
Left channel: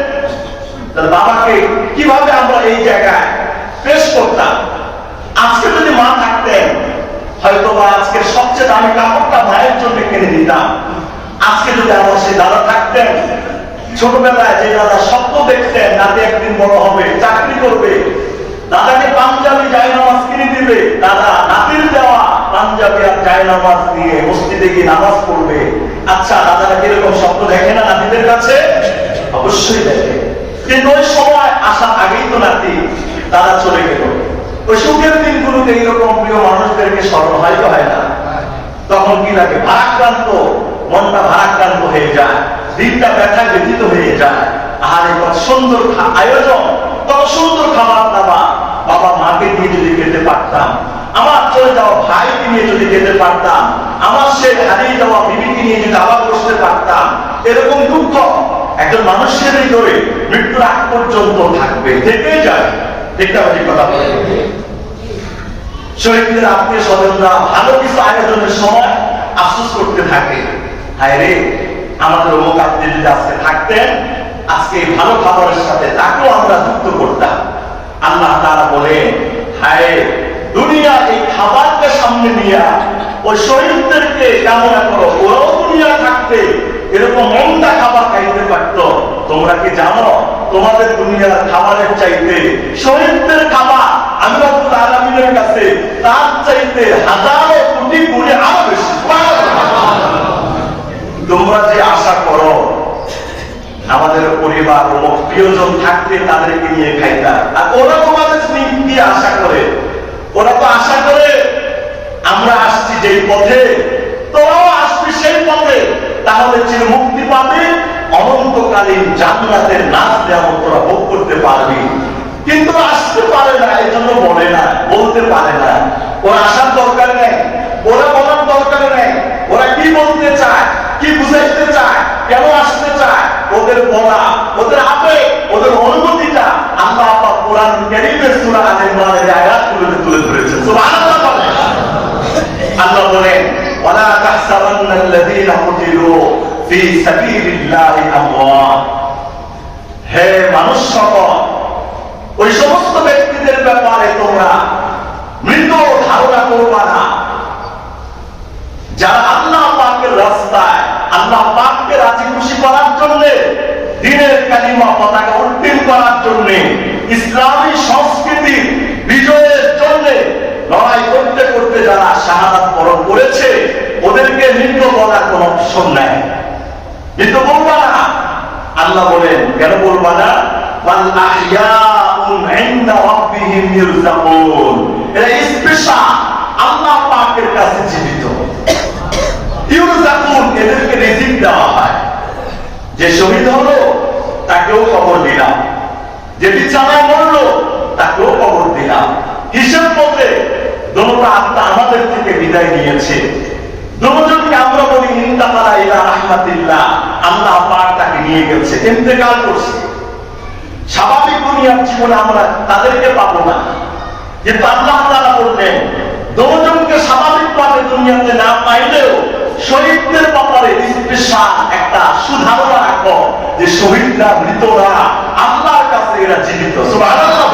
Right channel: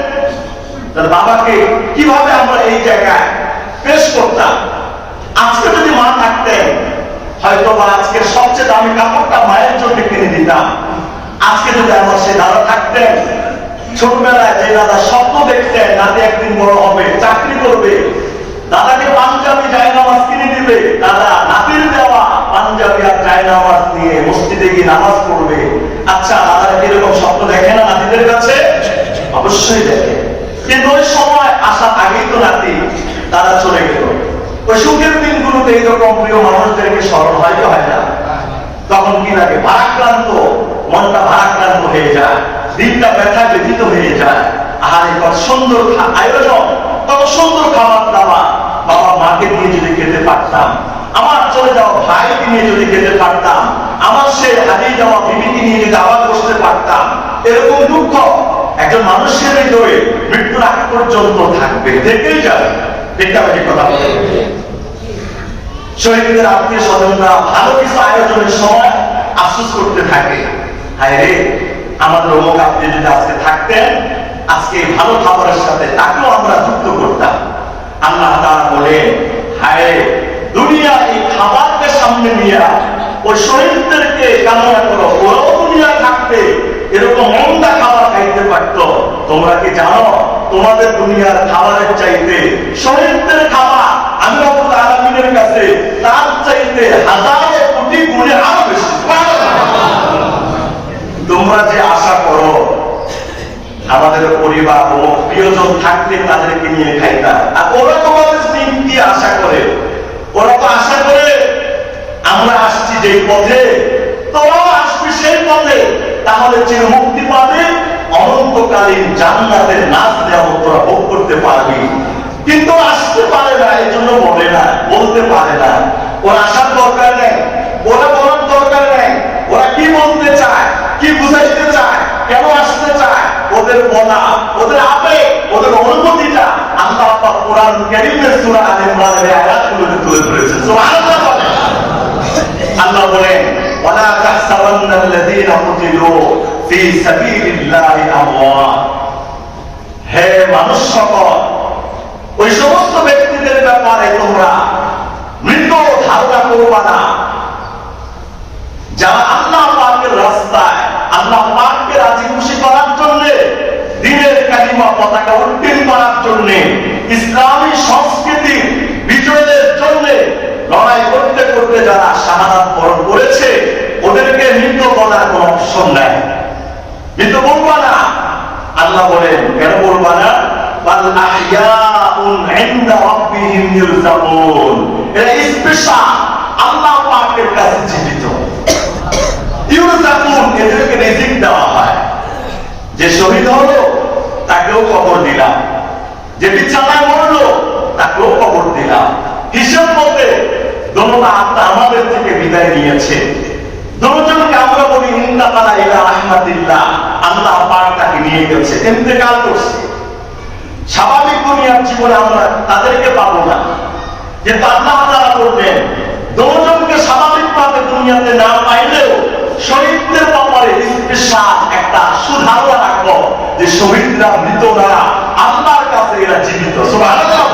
তাহলে বাবাকে কিভাবে আমরা এই জায়গায় পেশ করতাম। আজকে যদি মা থাকতেন, হয়তো বা আজকে সবচেয়ে দামি কাপড়টা মায়ের জন্য কিনে দিতাম। আজকে যদি আমার সেই দাদা থাকতেন, ছোটবেলায় যে দাদা স্বপ্ন দেখতেন নাতি একদিন বড় হবে, চাকরি করবে, দাদাকে পাঞ্জাবি জায়নামাজ কিনে দিবে, দাদা নাতির দেওয়া পাঞ্জাবি আর জায়নামাজ নিয়ে মসজিদে গিয়ে নামাজ পড়বে। আচ্ছা, দাদারা কিরকম স্বপ্ন দেখে না নাতিদের কাছে? অবশ্যই দেখে। কিন্তু ওই সময় আসার আগেই তো নাতি তারা চলে গেল। ওই সুখের দিনগুলোতে এইরকম প্রিয় মানুষদেরকে স্মরণ হয় না? তখন কি লাগে? ভারাক্রান্ত মনটা ভারাক্রান্ত হয়ে যায়, দিনটা ব্যথা ব্যথিত হয়ে যায়। আর কত সুন্দর আয়োজন, কত সুন্দর খাবার দাবার, বাবা মাকে দিয়ে যদি খেতে পারতাম, আমার চলে যাওয়া ভাইকে নিয়ে যদি খেতে পারতাম, আমার সে হারিয়ে যাওয়া বিবিকে নিয়ে যদি আবার বসতে পারতাম। এরকম দুঃখ একজন মানুষের হৃদয়ে মৃত্যুর আগ পর্যন্ত থাকবে, থেকেই যাবে। ঠিক কথা বলে শহীদদের আত্মীয় স্বজনরা ভালো কিছু আয়োজনের সময় আফসোস করতে থাকে, হায় রে আমাদের অমুক আত্মীয় যদি আজকে থাকতেন, আজকে ভালো খাবারের সাথে তাকেও আমরা যুক্ত করতাম। আল্লাহ তাআলা বলে, হায় দুনিয়া এই খাবারকে সামনে নিয়ে ওই শহীদদেরকে কামনা করো, ওরাও দুনিয়া থাকতে এরকম মন্দা খাবার খাইতে পারত। তোমরা কি জানো তোমাদের দুনিয়ার খাবারের চাইতে শহীদদের খাবার আমি রব্বুল আলামিনের কাছে তার চাইতে হাজারো কোটি গুণে আরো বেশি। তোমরা যে আশা করো আমাদের পরিবার ও প্রিয়জন থাকতে তাদেরকে নিয়ে খাইতা, আর ওরা তোমাদের কি আশা করে? ওরা তো আশা করে আমরা আসছি যে পথে, তোরাও আসবি সেই পথে, তাহলে যে মুক্তি পাবে অনন্তকালীন জান্নাতের নাচ দেওয়া তোরা ভোগ করতে পারবি। কিন্তু আসতে পারে না, এই জন্য বলে না, বলতে পারে না। ওরা আসার দরকার নেই, ওরা বলার দরকার নেই। ওরা কি বলতে চায়, কি বুঝাইতে চায়, কেন আসতে চায়, ওদের বলা, ওদের আবেগ, ওদের অনুভূতিটা আল্লাহ পাক কোরআন কারীমের সূরা আল-ইমরানের আয়াতগুলোতে তুলে ধরেছেন। সুবহানাল্লাহ। আল্লাহ বলেন, ওয়ালা তাহসাবান্নাল্লাযীনা কুতিলু ফি সাবিলিল্লাহি আমওয়াত। হে মানুষ সকল, ওই সমস্ত ব্যক্তিদের ব্যাপারে তোমরা মৃত ধারণা করবা না, যারা আল্লাহ পাকের রাস্তায় আল্লাহ পাককে রাজি খুশি করার জন্য, দ্বীনের কালিমা পতাকা উত্তীর্ণ করার জন্য, ইসলামী সংস্কৃতি বিজয়ের জন্য লড়াই করতে করতে যারা শাহাদাত বরণ করেছে, ওদেরকে মৃত বলার কোন অপশন নাই। মৃত বলবা না। আল্লাহ বলেন, কেন বলবা না? বাল আহইয়াউন ইনদা রাব্বিহিম ইরযাকুন। এরা স্পেশাল আল্লাহ পাকের কাছে জীবিত। ইরযাকুন, এদেরকে রিজিক দেওয়া হয়। যে শহীদ হলো তাকেও কবর দিলাম, যে বিছানায় মরলো তাকেও কবর দিলাম। হিসাব মতে দোনোটা আত্মা আমাদের থেকে বিদায় নিয়েছে। দুজনকে আমরা বলি ইন্তাকালা ইলা রাহমাতিল্লাহ, আল্লাহ পাক তাকে নিয়ে গেছে, ইন্তেকাল করছে। স্বাভাবিক দুনিয়ার জীবনে আমরা তাদেরকে পাবো না, কিন্তু আল্লাহ তাআলা বললেন দুজনকে স্বাভাবিকভাবে দুনিয়াতে না পাইলেও শহীদদের ব্যাপারে স্পেশাল একটা সুধারণা রাখো যে শহীদরা মৃতরা আল্লাহর কাছে এরা জীবিত। সুবহানাল্লাহ।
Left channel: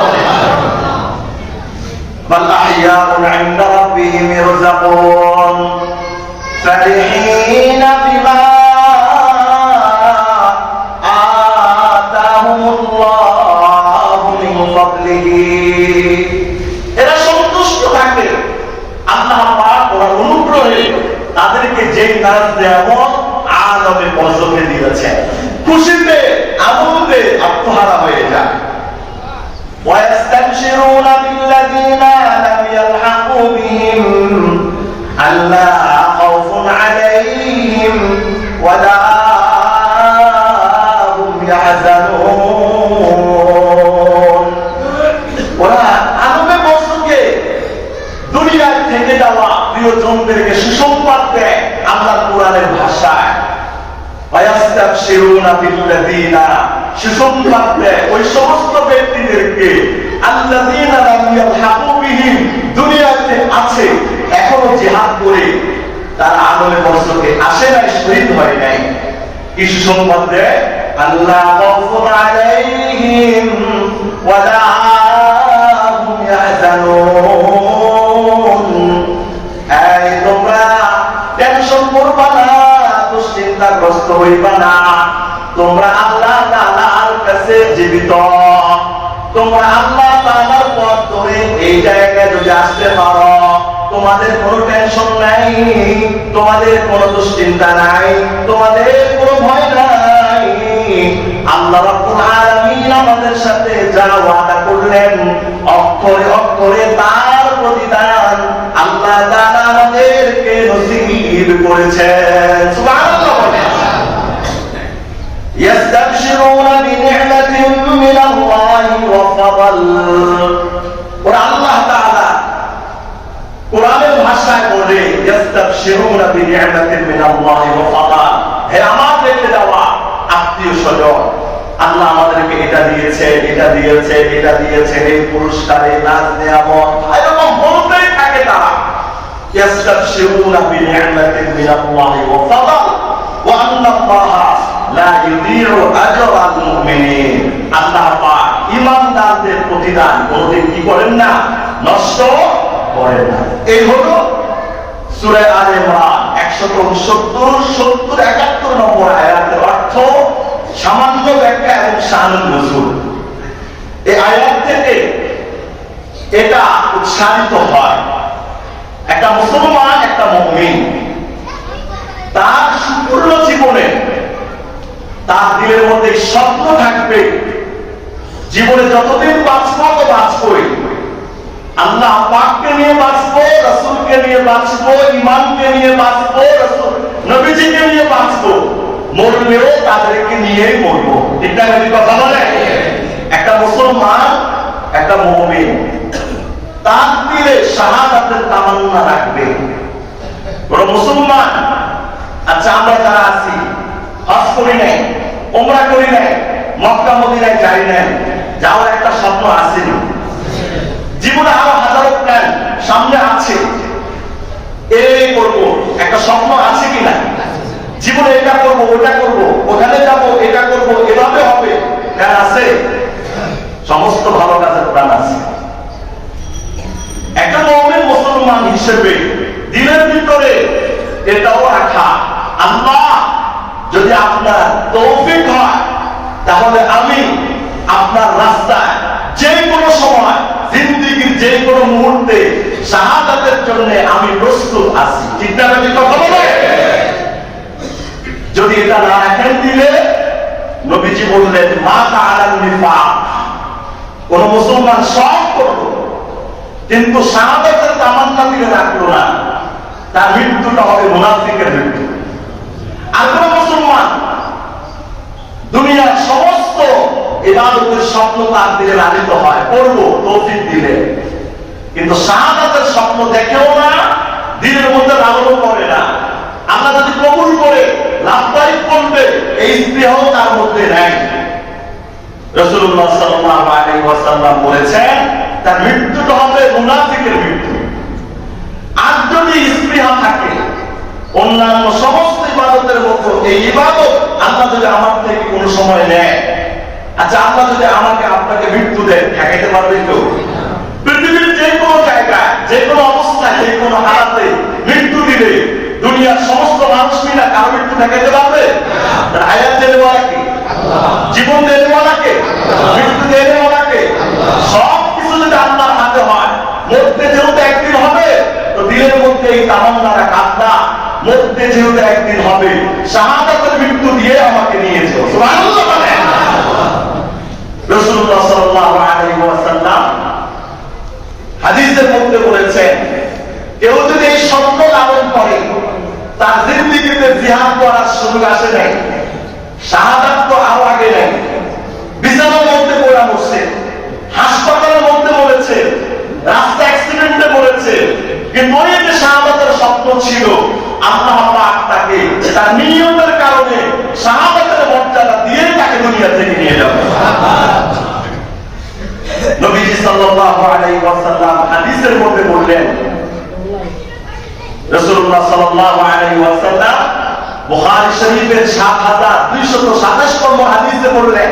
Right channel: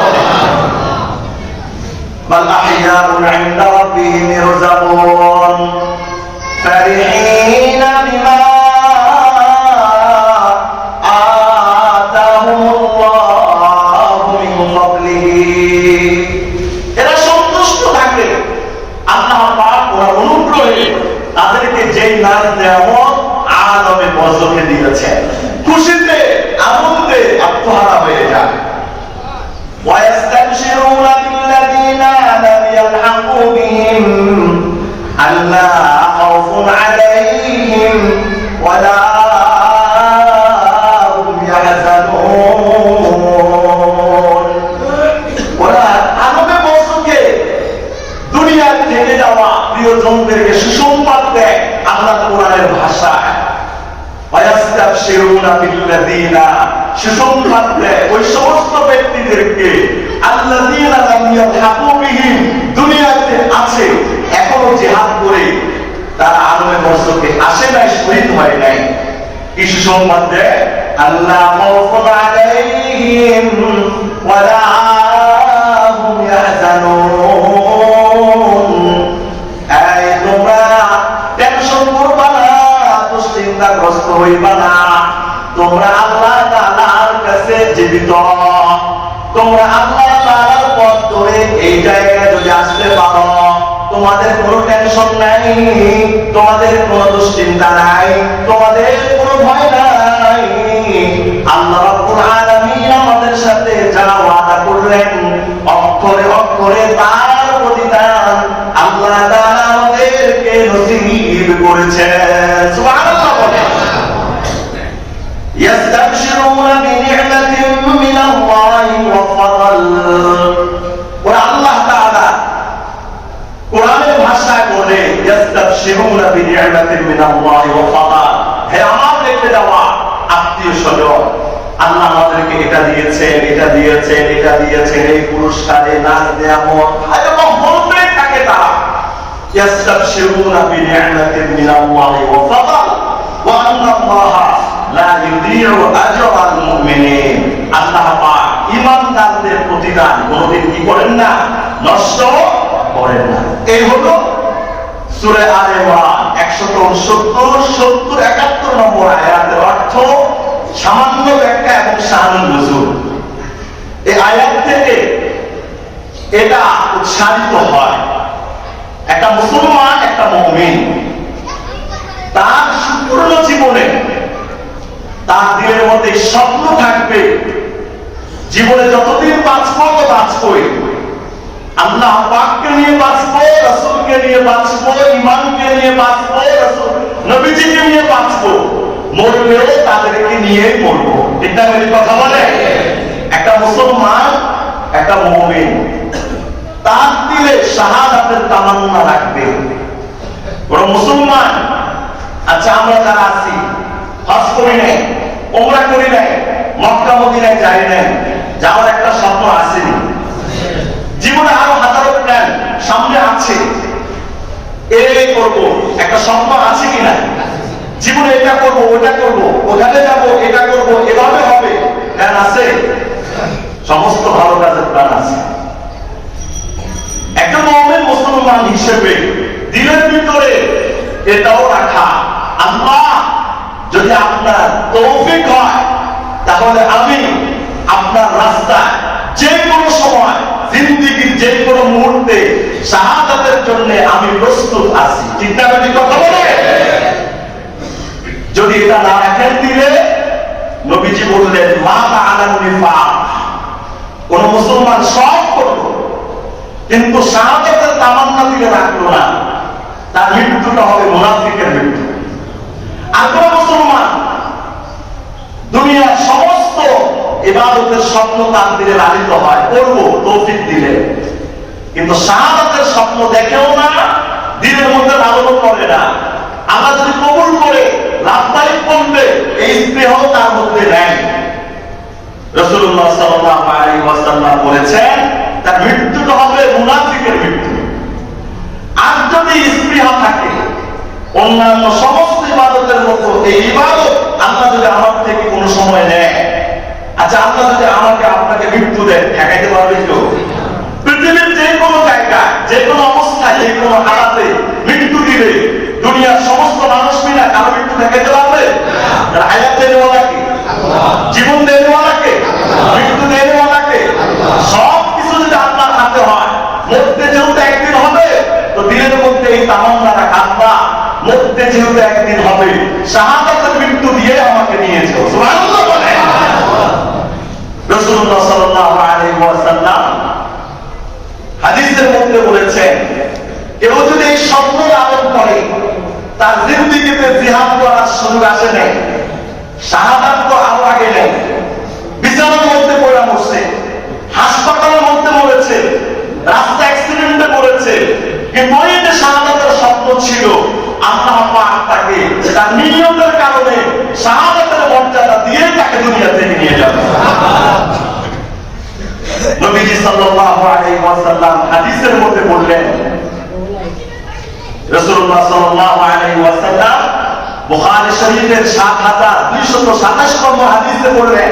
বাল আহইয়াউন ইনদা রাব্বিহিম ইরযাকুন ফারিহিনা বিমা আতাহুমুল্লাহু মিন ফাদলিহি। এরা সন্তুষ্ট থাকে আল্লাহ পাক ওর অনুগ্রহে তাদেরকে যেই নাম নেয়ামত আদমে বরজকে দিয়েছেন, খুশিতে আনন্দে আত্মহারা হয়ে যায়। ويستبشرون بالذين لم يلحقوا بهم প্রিয়জনদেরকে সুসংবাদ দেয় আল্লাহ কোরআনের ভাষায়। ওয়ায়াস্তাবশিরুনা বিল্লাযীনা, সুসংবাদ দেয় ওই সমস্ত ব্যক্তিদেরকে আল্লাযীনা লাম ইয়ালহাকু বিহিম, দুনিয়াতে আছে এখনো জিহাদ করে তারা আলমে বর্ষকে আসে নাই, শহীদ হয় নাই। কি সুসংবাদ দেয়? আল্লাহ খাউফুন আলাইহিম ওয়ালা হুম ইয়াহজানুন, এই তোমরা টেনশন করবা না, দুশ্চিন্তাগ্রস্ত হইবা না, তোমরা আল্লাহ তাআলার কাছে জীবিত, তোমরা আল্লাহ তাআলার পথ ধরে এই জায়গায় যদি আসতে পারো, তোমাদের কোনো টেনশন নাই, তোমাদের কোনো দুশ্চিন্তা নাই, তোমাদের কোনো ভয় নাই। আল্লাহ রাব্বুল আলামিন আমাদের সাথে যা ওয়াদা করলেন অক্ষরে অক্ষরে তার প্রতিদান আল্লাহ তাআলা আমাদেরকে নসিব করেছেন। সুবহানাল্লাহ বলেন। ইয়াস্তাবশিরুনা বিনি'মাতিন মিনাল্লাহি ওয়া ফাদল। আল্লাহ তাআলা কোরআনের ভাষায় বলে ইয়াস্তাবশিরুনা বিনি'মাতিন মিনাল্লাহি ওয়া ফাদল, হে আমাদেরকে দেওয়া আত্মীয়-স্বজন, আল্লাহ আমাদেরকে এটা দিয়েছেন, এটা দিয়েছেন, এটা দিয়েছেন, এই পুরস্কার, এই দান নিয়ামত, এরকম বলতেই থাকে তারা। ইয়াস্তাবশিরুনা বিনি'মাতিন মিনাল্লাহি ওয়া ফাদল ওয়া আন্নাল্লাহা লা ইউযীউ আজরাল মুমিনিন। আল্লাহ পাক ঈমানদারদের প্রতিদান কোনদিন কি করেন না? নষ্ট করেন না। এই হলো সূরা আলে ইমরান 169, 70, 71 নম্বর আয়াতের অর্থ, সামান্য ব্যাখ্যা এবং শানুন নজুল। এই আয়াত থেকে এটা উৎসাহিত হয়, একটা মুসলমান, একটা মুমিন তার সম্পূর্ণ জীবনে তার দিলের মধ্যে স্বপ্ন থাকবে, জীবনে যতদিন বাঁচবো তো বাঁচবই, আল্লাহ পাককে নিয়ে বাঁচবো, রাসূলকে নিয়ে বাঁচবো, ঈমানকে নিয়ে বাঁচবো, রাসূল নবীজিকে নিয়ে বাঁচবো, মরলেও তাদেরকে নিয়েই মরবো। ঠিক না? এই কথা বলে একটা মুসলমান, একটা মুমিন তার দিলে শাহাদাতের তামান্না রাখবে। কোন মুসলমান, আচ্ছা আমরা যারা আছি হজ করি নাই, উমরা করি নাই, মক্কা মদিনায় যাই নাই, যাওয়ার একটা স্বপ্ন আসেনি, জীবনে আরো হাজারো প্ল্যান সামনে আছে, এই করবো একটা স্বপ্ন আছে কিনা, জীবনে এটা করবো, ওটা করবো, ওখানে যাবো, এটা করবো, এভাবে হবে, প্ল্যান আছে, সমস্ত ভালো কাজের প্ল্যান আছে। একটা মুমিন মুসলমান হিসেবে দিলের ভিতরে এটাও রাখা, আল্লাহ যদি আপনার তৌফিক হয় তাহলে আমি আপনার রাস্তায় যে কোনো সময়, জিন্দেগীর যে কোনো মুহূর্তে শাহাদাতের জন্য আমি প্রস্তুত আছি। ঠিক না? কথা বলে যদি এটা না রাখেন দিলে, নবীজি বললেন মাতা আলাল নিফাক, কোন মুসলমান সব করলো কিন্তু শাহাদাতের তামান্না দিলে রাখলো না, তার মৃত্যুটা হবে মুনাফিকের মৃত্যু। আর কোন মুসলমান দুনিয়ার সমস্ত ইবাদতের স্বপ্ন তার দিলে লালিত হয়, করবো তৌফিক দিলে, কিন্তু শাহাদাতের স্বপ্ন দেখেও না, দিলের মধ্যে লালন করে না, আল্লাহ যদি কবুল করে লাভদায়ক করবে এই স্নেহ তার মধ্যে নেই। রাসূলুল্লাহ সাল্লাল্লাহু আলাইহি ওয়াসাল্লাম বলেছেন তার মৃত্যুটা হবে মুনাফিকের মৃত্যু। আর যদি স্পৃহা থাকে অন্যান্য সমস্ত ইবাদতের মতো এই ইবাদত আল্লাহ যদি আমার থেকে কোনো সময় নেয়, আচ্ছা আল্লাহ যদি আমাকে আপনাকে মৃত্যু দেয়, ঠেকাইতে পারবে কেউ? পৃথিবীর যে কোনো জায়গায়, যে কোনো অবস্থায়, যে কোনো হালাতে মৃত্যু দিলে দুনিয়ার সমস্ত মানুষ মিলে কারো মৃত্যু ঠেকাইতে পারবে? হায়াত দেওয়ালাকে, জীবন দেওয়ালাকে, মৃত্যু দেওয়ালাকে, সব কিছু যদি আল্লাহর হাতে হয়, মরতে যেহেতু একদিন হবে, তো দিলের মধ্যে এই তামান্না রাখা, আল্লাহ মরতে যেহেতু একদিন হবে, শাহাদাতের মৃত্যু দিয়ে আমাকে নিয়েছে। সুবহানাল্লাহ বলেন। রাসূলুল্লাহ সাল্লাল্লাহু আলাইহি ওয়াসাল্লাম হাদিসের মধ্যে বলেছেন কেউ যদি এই স্বপ্ন লালন করে, তার জিন্দেগিতে জিহাদ করার সুযোগ আসে নাই, শাহাদাত তো আরো আগে নেই, বিছানার মধ্যে পড়ে মরছে, হাসপাতালের মধ্যে মরেছে, রাস্তা অ্যাক্সিডেন্টে মরেছে, কিন্তু ওই যে শাহাদাতের হাদিসের মধ্যে বললেন, রাসূলুল্লাহ সাল্লাল্লাহু আলাইহি ওয়াসাল্লাম বুখারী শরীফের 7227 নম্বর হাদিসে বললেন,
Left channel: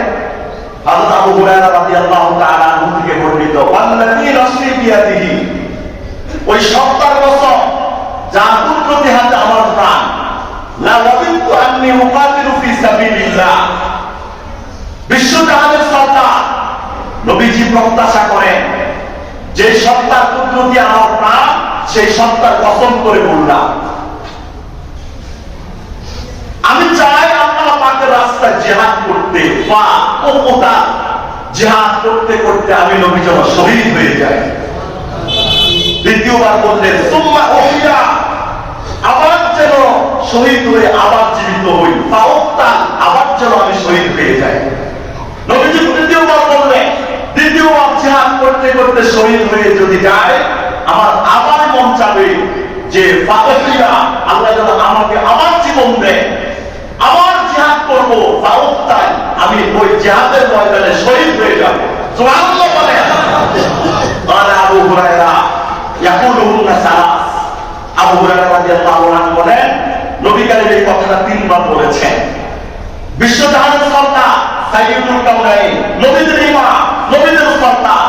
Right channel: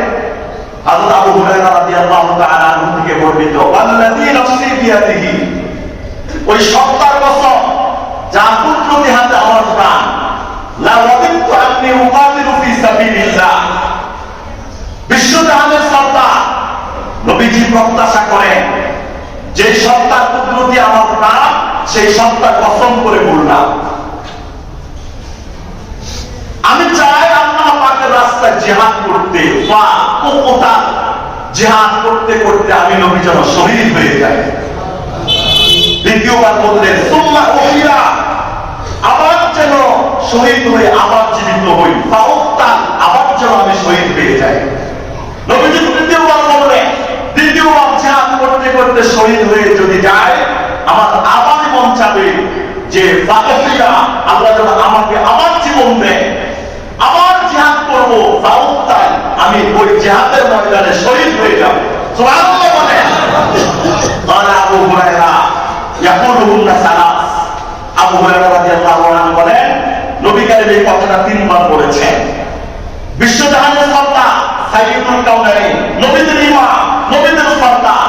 হযরত আবু হুরায়রা রাদিয়াল্লাহু তাআলা আনহু থেকে বর্ণিত, ওয়াল্লাযী নাফসি বিয়াদিহি, ওই সত্তার কসম যার কুদরতি হাতে আমার প্রাণ, লা ওয়াদিতু আন্নী উকাতিলু ফি সাবিলিল্লাহ, বিশ্বজাহানের সত্তা নবীজি প্রত্যাশা করেন যে সত্তার কুদরতি আমার প্রাণ, সেই সত্তার কসম করে বললাম, আমি চাই আল্লাহ পাকের রাস্তায় জিহাদ করতে বা কোথা জিহাদ করতে করতে আমি নবী যেন শহীদ হয়ে যাই। দ্বিতীয়বার বললেন, সুম্মা উহিয়া, আবার যেন শহীদ হয়ে আবার জীবিত হই, ফাউক্তাল, আবার যেন আমি শহীদ হয়ে যাই। নবীজি তৃতীয়বার বললেন, দ্বিতীয়বার জিহাদ করতে করতে শহীদ হয়ে যদি যায়, আমার আবার মন চাবে যে ফাউক্তা, আল্লাহ যেন আমাকে আবার জীবন দেয়, আবার জিহাদ করব, ফাউক্তাল, আমি ওই জিহাদের ময়দানে শহীদ হয়ে যাব। সুবহানাল্লাহ বলেন। قال আবু হুরায়রা ইয়াকুলুনা সালাস, আবু হুরায়রা রাদিয়াল্লাহু আনহু বলেন, নবী কারীম এই কথাটা তিনবার বলেছেন। বিশ্বজাহানের সর্দার, সাইয়্যিদুল কাউনাইন, নবীদের ইমাম, নবীদের সর্দার,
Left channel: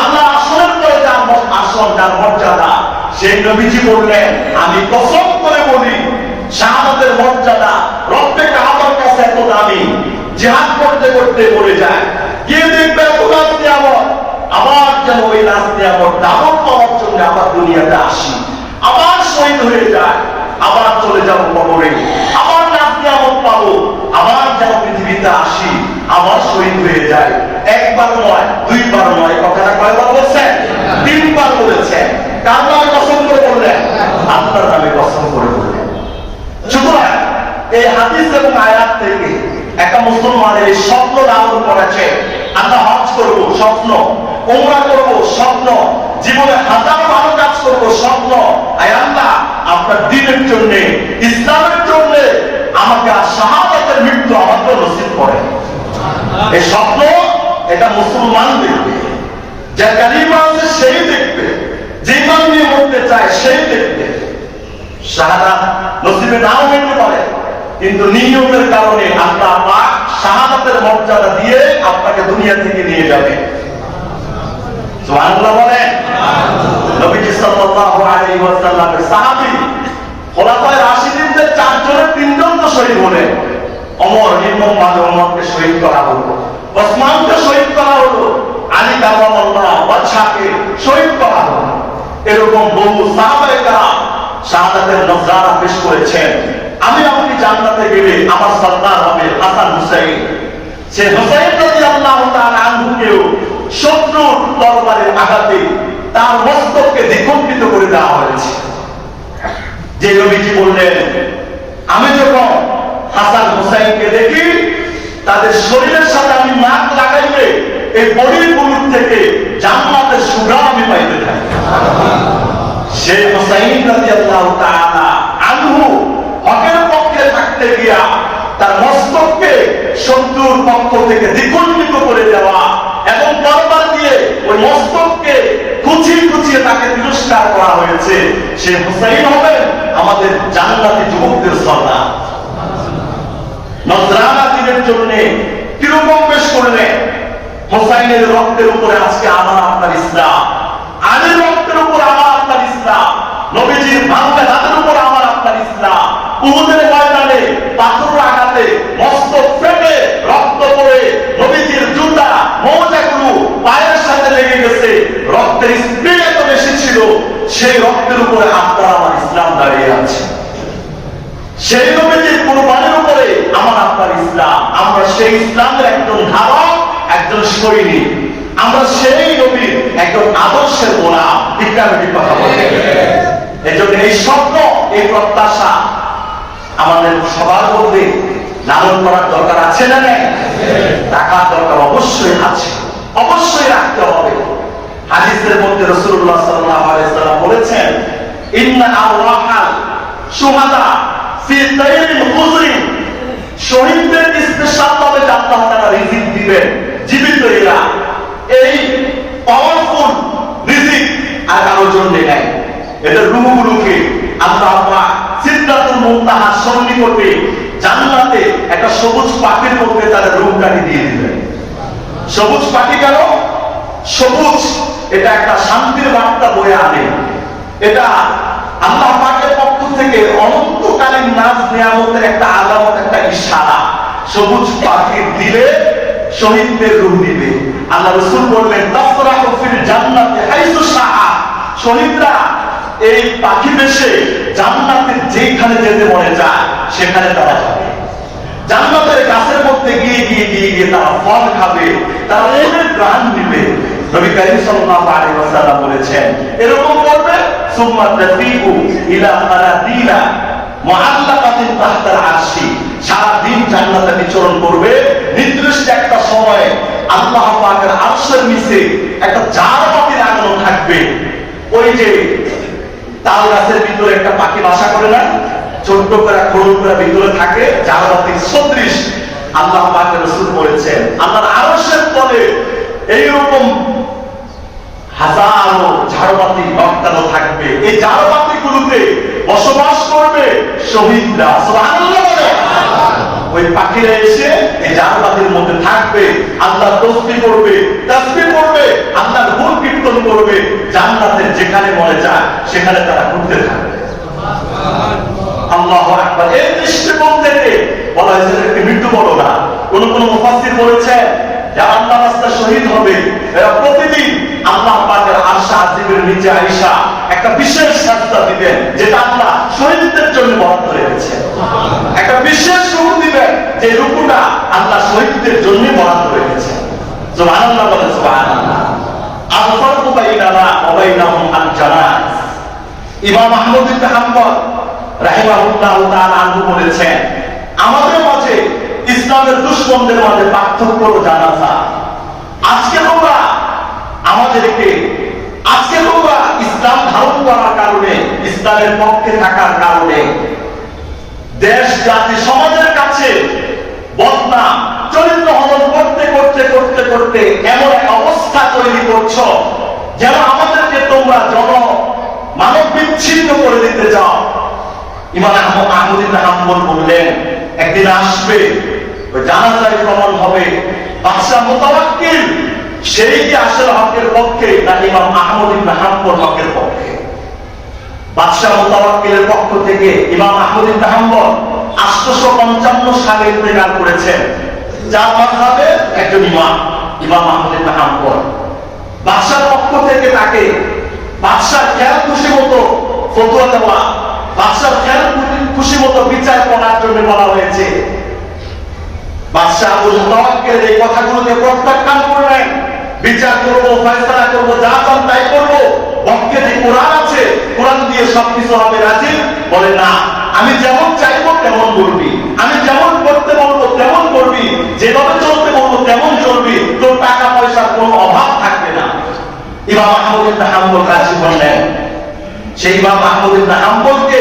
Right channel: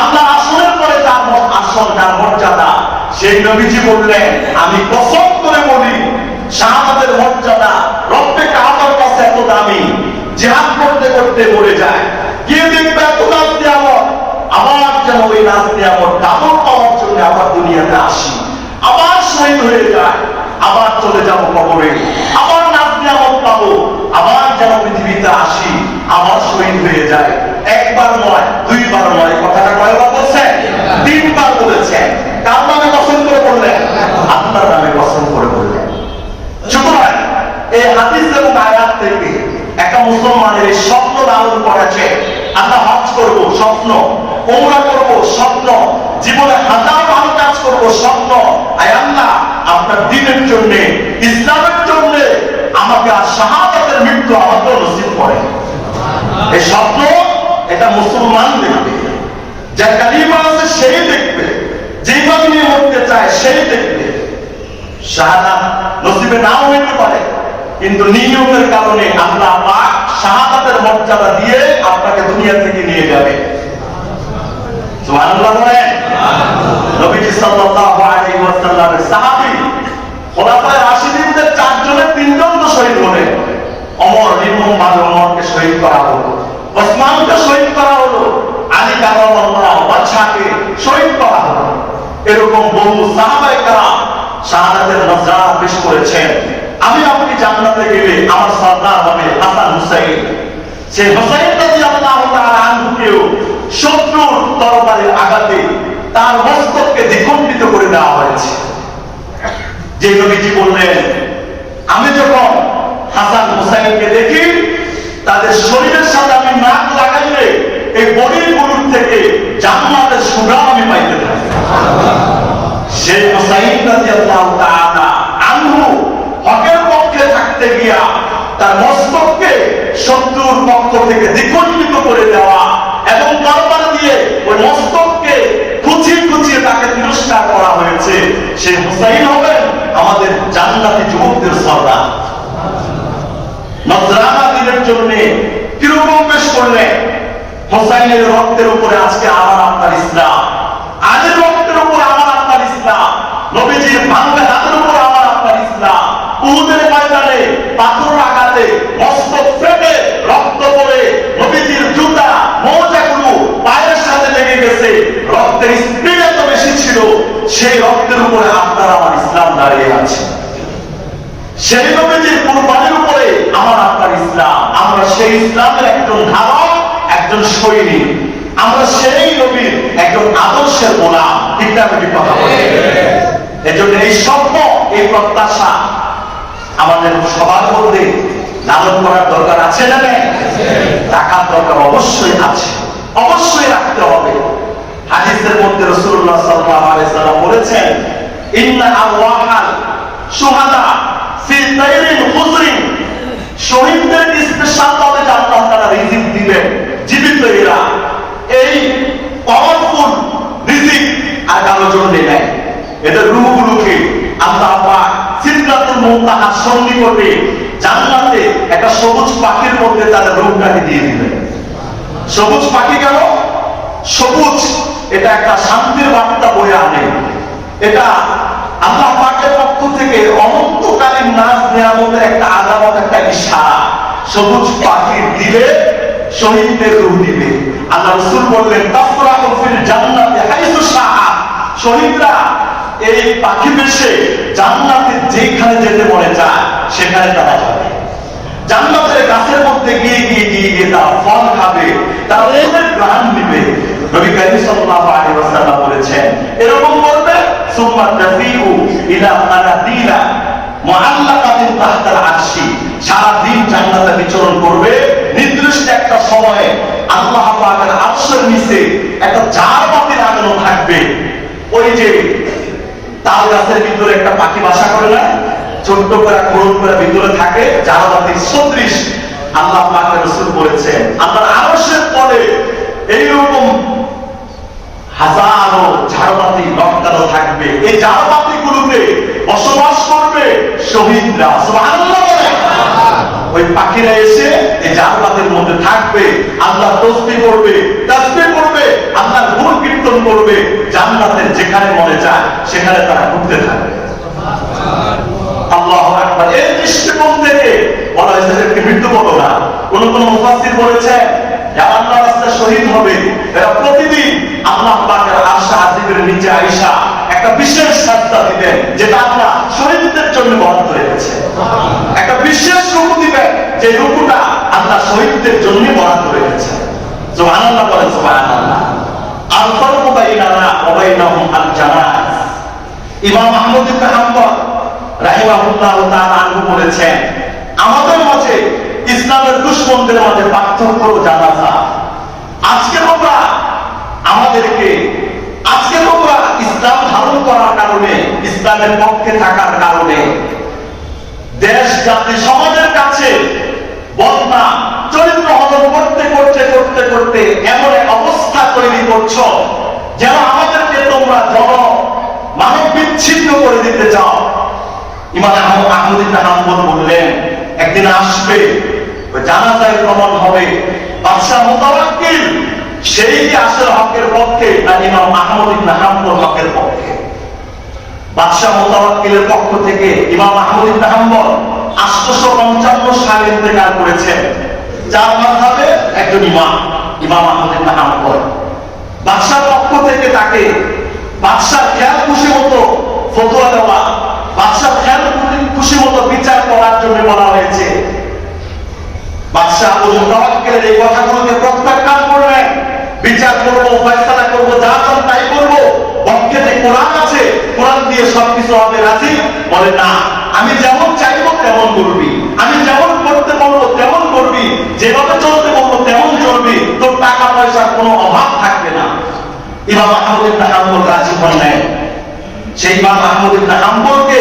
আল্লাহ আসরের পরে যার আসন, যার মর্যাদা, সেই নবীজি বললেন, আমি কসম করে বলি, শাহাদাতের মর্যাদা রব্বে কাবার কাছে এত দামি, জিহাদ করতে করতে মরে যায়, গিয়ে দেখবে এত দাম নিয়ামত, আবার যেন ওই রাত নিয়ামত ডাবল পাওয়ার জন্য আবার দুনিয়াতে আসি, আবার শহীদ হয়ে যায়, আবার চলে যাবো কবরে, আবার রাত নিয়ামত পাবো, আবার যেন পৃথিবীতে আসি, আবার শহীদ হয়ে যায়। একবার নয়, দুইবার নয়, কথাটা কয়বার বলছেন? তিনবার বলেছেন। কার নামে কসম করে বললেন? আপনার নামে কসম করে বললেন। সুতরাং এই হাদিস এবং আয়াত থেকে একটা মুসলমানের এই স্বপ্ন লালন করেছে, আমরা হজ করব স্বপ্ন, ওমরা করব স্বপ্ন, জীবনে হাজার ভালো কাজ করব স্বপ্ন, আয় আল্লাহ আপনার দ্বীনের জন্য, ইসলামের জন্য আমাকে আর শাহাদাতের মৃত্যু আমাকে নসিব করেন। এই স্বপ্ন এটা মুসলমান দেখবে, যার কালিমা আছে সেই দেখবে, যে ইমান নিয়ে মরতে চায় সেই দেখবে। শাহাদাত নসিবে নাও হইতে পারে, কিন্তু নিয়মের কারণে আল্লাহ পাক শাহাদাতের মর্যাদা দিয়ে আপনাকে দুনিয়া থেকে নিয়ে যাবে। সুবহানাল্লাহ বলেন। নবীজি সাল্লাল্লাহু আলাইহি ওয়াসাল্লামের সাহাবী খোলাফায়ে রাশিদিনদের 4 জনের 3 জন তো শহীদ হলেন। ওমর নির্মমভাবে ওমরকে শহীদ করা হলো, ওসমানকে শহীদ করা হলো, আলী কারামাল্লাহ বাদশাকে শহীদ করা হলো। এরকম বহু সাহাবায়ে কেরাম শাহাদাতের মর্যাদা পেশ করেছেন। আমি আপনি জান্নাতে গেলে আমার সর্দার হবে হাসান হুসাইন। সে হুসাইন রাদিয়াল্লাহু তাআলা আনহুকেও শত্রুর তরবারির আঘাতে তার মস্তককে দ্বিখণ্ডিত করে দেওয়া হয়েছে। যে নবীজি বললেন, আমি যখন হাসান হুসাইনকে দেখি, তাদের শরীরের সাথে আমি নাক লাগাইলে এই বডির বুলুর থেকে জান্নাতের সুঘ্রাণ আমি পাইতে থাকি। সে হুসাইন রাদিয়াল্লাহু তাআলা আনহু হকের পক্ষে থাকতে গিয়া তার মস্তককে শত্রুর পক্ষ থেকে দ্বিখণ্ডিত করে দেওয়া এবং তরবারি দিয়ে ওই মস্তককে কুচিয়ে কুচিয়ে তাকে তিরস্কার করা হয়েছে। সে হুসাইন হবেন আমাদের জান্নাতি যুবকদের সর্দার। নজরানা দিনের জন্য কিরকম পেশ করলেন? হুসাইনের রক্তের উপরে আজকে আমার আপনার ইসলাম, আলীর রক্তের উপর আমার আপনার ইসলাম, নবীজির ভাঙা হাতের উপর আমার আপনার ইসলাম। উহুদের ময়দানে পাথরের আঘাতে মস্তক ফেটে রক্ত পড়ে নবীজির জুতা মোজাগুলো পায়ের সাথে লেগে গেছে, রক্তের স্পিড এত বেশি ছিল, সেই রক্তের উপরে আপনার আমার ইসলাম দাঁড়িয়ে আছে। সেই নবীজির কুরবানির উপরে আমার আপনার ইসলাম। আমরা সেই ইসলামের একজন ধারক, একজন সৈনিক, আমরা সেই নবীর একজন আদর্শের গোলাম। ঠিক না? কথা বলে এজন্য এই স্বপ্ন, এই প্রত্যাশা আমাদের সবার মধ্যে লালন করার দরকার আছে না? নাই? টাকার দরকার অবশ্যই আছে, অবশ্যই রাখতে হবে। হাদিসের মধ্যে রাসূলুল্লাহ সাল্লাল্লাহু আলাইহি ওয়াসাল্লাম বলেছেন, ইন্না আরওয়াহাল শুহাদা ফি তাইরিন হুজরিন, শহীদদের স্পেশাল ভাবে আল্লাহ তাআলা রিজিক দিবেন। জীবিত এরা এই পাওয়ারফুল রিজিক আর এদের রূহগুলোকে আল্লাহ পাক সিদরাতুল মুনতাহার সন্নিকটে জান্নাতে একটা সবুজ পাখির মধ্যে তাদের রূহটাকে দিয়ে দিলেন। সবুজ পাখি কেন? সবুজ এটা একটা শান্তির বার্তা বয়ে আনে। এটা আল্লাহ পাকের পক্ষ থেকে অনন্তকালীন নাজ নিয়ামতের একটা আলামত, একটা ইশারা। সবুজ পাখির দিলে শহীদদের রূহ দিবে। আল্লাহ রাসূল বললেন তাফরাহু ফিল জান্নাতি হাইসু শাআ, শহীদরা এই পাখি দেশে জান্নাতে যেখানে যেতে মনে চায় সেখানে তারা যাবে। জান্নাতের গাছের মধ্যে গিয়ে গিয়ে গিয়ে গিয়ে তারা ফল খাবে, তারা অনেক প্রাণ নিবে। নবী করিম সাল্লাল্লাহু আলাইহি ওয়াসাল্লাম বলেছেন এরকম করবে সুম্মা তাফিউ ইলা আলাদিনা মুআল্লাকাতিন তাহতাল আরশি, সারা দিন জান্নাতে বিচরণ করবে। নির্দিষ্ট একটা সময়ে আল্লাহ পাকের আরশের নিচে একটা জার বাতি লাগানো থাকবে। ওই যে তাল গাছের ভিতরে একটা পাখি বাসা করে না, ছোট্ট করে খোলন করে ভিতরে থাকে, জার বাতি সদৃশ। আল্লাহ পাকের রাসূল বলেছেন আল্লাহর আরশের তলে এইরকম হাজারো ঝাড়বাতি লটকানো থাকবে। এই ঝাড়বাতি গুলোতে বসবাস করবে শহীদরা। সুবহানাল্লাহ। ওই পাখিরা এসে এই ঝাড়বাতির মধ্যে থাকবে, আল্লাহ তসবিহ করবে, তাসবিহ করবে, আল্লাহর গুণ কীর্তন করবে। জান্নাতের যেখানে মনে চায় সেখানে তারা ঘুরতে থাকবে। আল্লাহু আকবার। এই দৃষ্টিকোণ থেকে বলা হয়েছে একটি মৃত্যু বলো না। কোন কোন মুফাসসির বলেছেন যারা আল্লাহর রাস্তায় শহীদ হবে এরা প্রতিদিন আল্লাহ পাকের আরশ আজিমের নিচে আয়েশা একটা বিশেষ সাজদা দিবেন, যেটা আল্লাহ শহীদদের জন্য বরাদ্দ রেখেছে। একটা বিশেষ রূপ দিবেন, যে রূপটা আল্লাহ শহীদদের জন্য বরাদ্দ রেখেছে। সুবহানাল্লাহ বলেন সুবহানাল্লাহ। আল-ফারকু বাইনানা ওয়া বাইনাহুম আল-জানাত। ইমাম আহমদ ইবনে হাম্বল রাহিমাহুল্লাহু তাআলা আনহু বলেছেন আমাদের মাঝে ইসলামের দুশমনদের মাঝে পার্থক্য হলো জানাজা। আজকে তোমরা ইসলাম ধারণ করার কারণে, ইসলামের পক্ষে থাকার কারণে দেশ জাতি সমাজের কাছে বদনাম চরিত্র হনন করতে করতে করতে করতে এমন এক অবস্থা তৈরি করছো যেন আমাদেরকে তোমরা মানব বিচ্ছিন্ন করে দিতে চাও। ইমাম আহমদ ইবনে হাম্বল বললেন একদিন আসবে, জানাজায় প্রমাণ হবে বাদশাহ মুতাওয়াক্কিল সেই কি আসলে হকের পক্ষে না ইমাম আহমদ ইবনে হাম্বল হকের পক্ষে। বাদশাহ মুতাওয়াক্কিলের পক্ষ থেকে ইমাম আহমদ ইবনে হাম্বল 855 সালে ইন্তেকাল করেছেন। যার মাযহাবে একজন ইমাম আহমদ ইবনে হাম্বল। বাদশার পক্ষ থেকে তাকে বাদশার খেয়াল খুশি মতো ফতোয়া দেওয়া, বাদশার খেয়াল খুশি মতো বিচার করার জন্য বলা হয়েছে। বাদশাহ মুতাওয়াক্কিল এই কথাগুলোকে প্রত্যাখ্যান করলেন। বিচার করবো, ফয়সালা করবো, যা চান তাই করবো, পক্ষে যে কোরআন আছে কোরআন দিয়ে সবকিছু হবে রাজি। বলে না, আমি যেমন চাইবো তেমন করবি, আমি যেমন করতে বলবো তেমন করবি, যেভাবে চলতে বলবো তেমন চলবি, তোর টাকা পয়সার কোনো অভাব থাকবে না। ইমাম আহমদ ইবনে হাম্বল রাজি বললেন। সেই ইমাম আহমদ ইবনে হাম্বলকে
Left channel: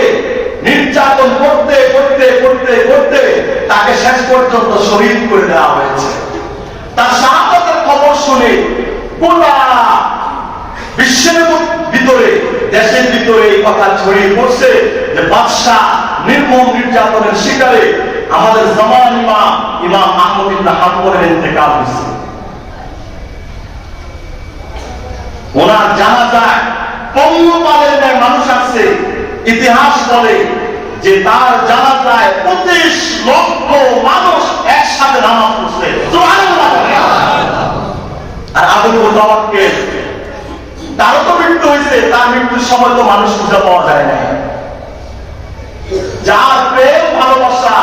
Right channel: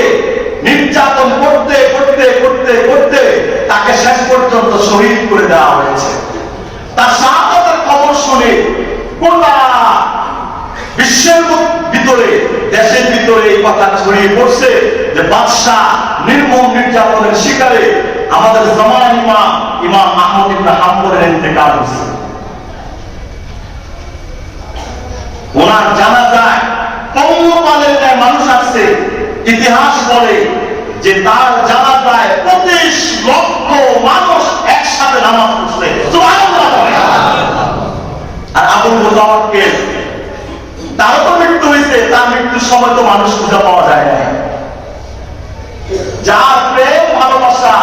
নির্যাতন করতে করতে করতে করতে তাকে শেষ পর্যন্ত শহীদ করে দেওয়া হয়েছে। তার শাহাদাতের খবর শুনে গোটা বিশ্বের ভিতরে, দেশের ভিতরে এই কথা ছড়িয়ে পড়ছে যে বাদশাহ নির্মম নির্যাতনের শিকারে আমাদের জামান ইমাম আহমদ ইবনে হাম্বলের ইন্তেকাল হয়েছে। ওনার জানাজায় পঙ্গপালের ন্যায় মানুষ আসছে। ইতিহাস বলে যে তার জানাজায় 25 লক্ষ মানুষ একসাথে নামাজ পড়ছে। সুবহানাল্লাহ। আর আবু মুতাওয়াক্কিল তারও তো মৃত্যু হয়েছে, তার মৃত্যুর সময় তো মানুষ খুঁজে পাওয়া যায় না। যার প্রেম ভালোবাসা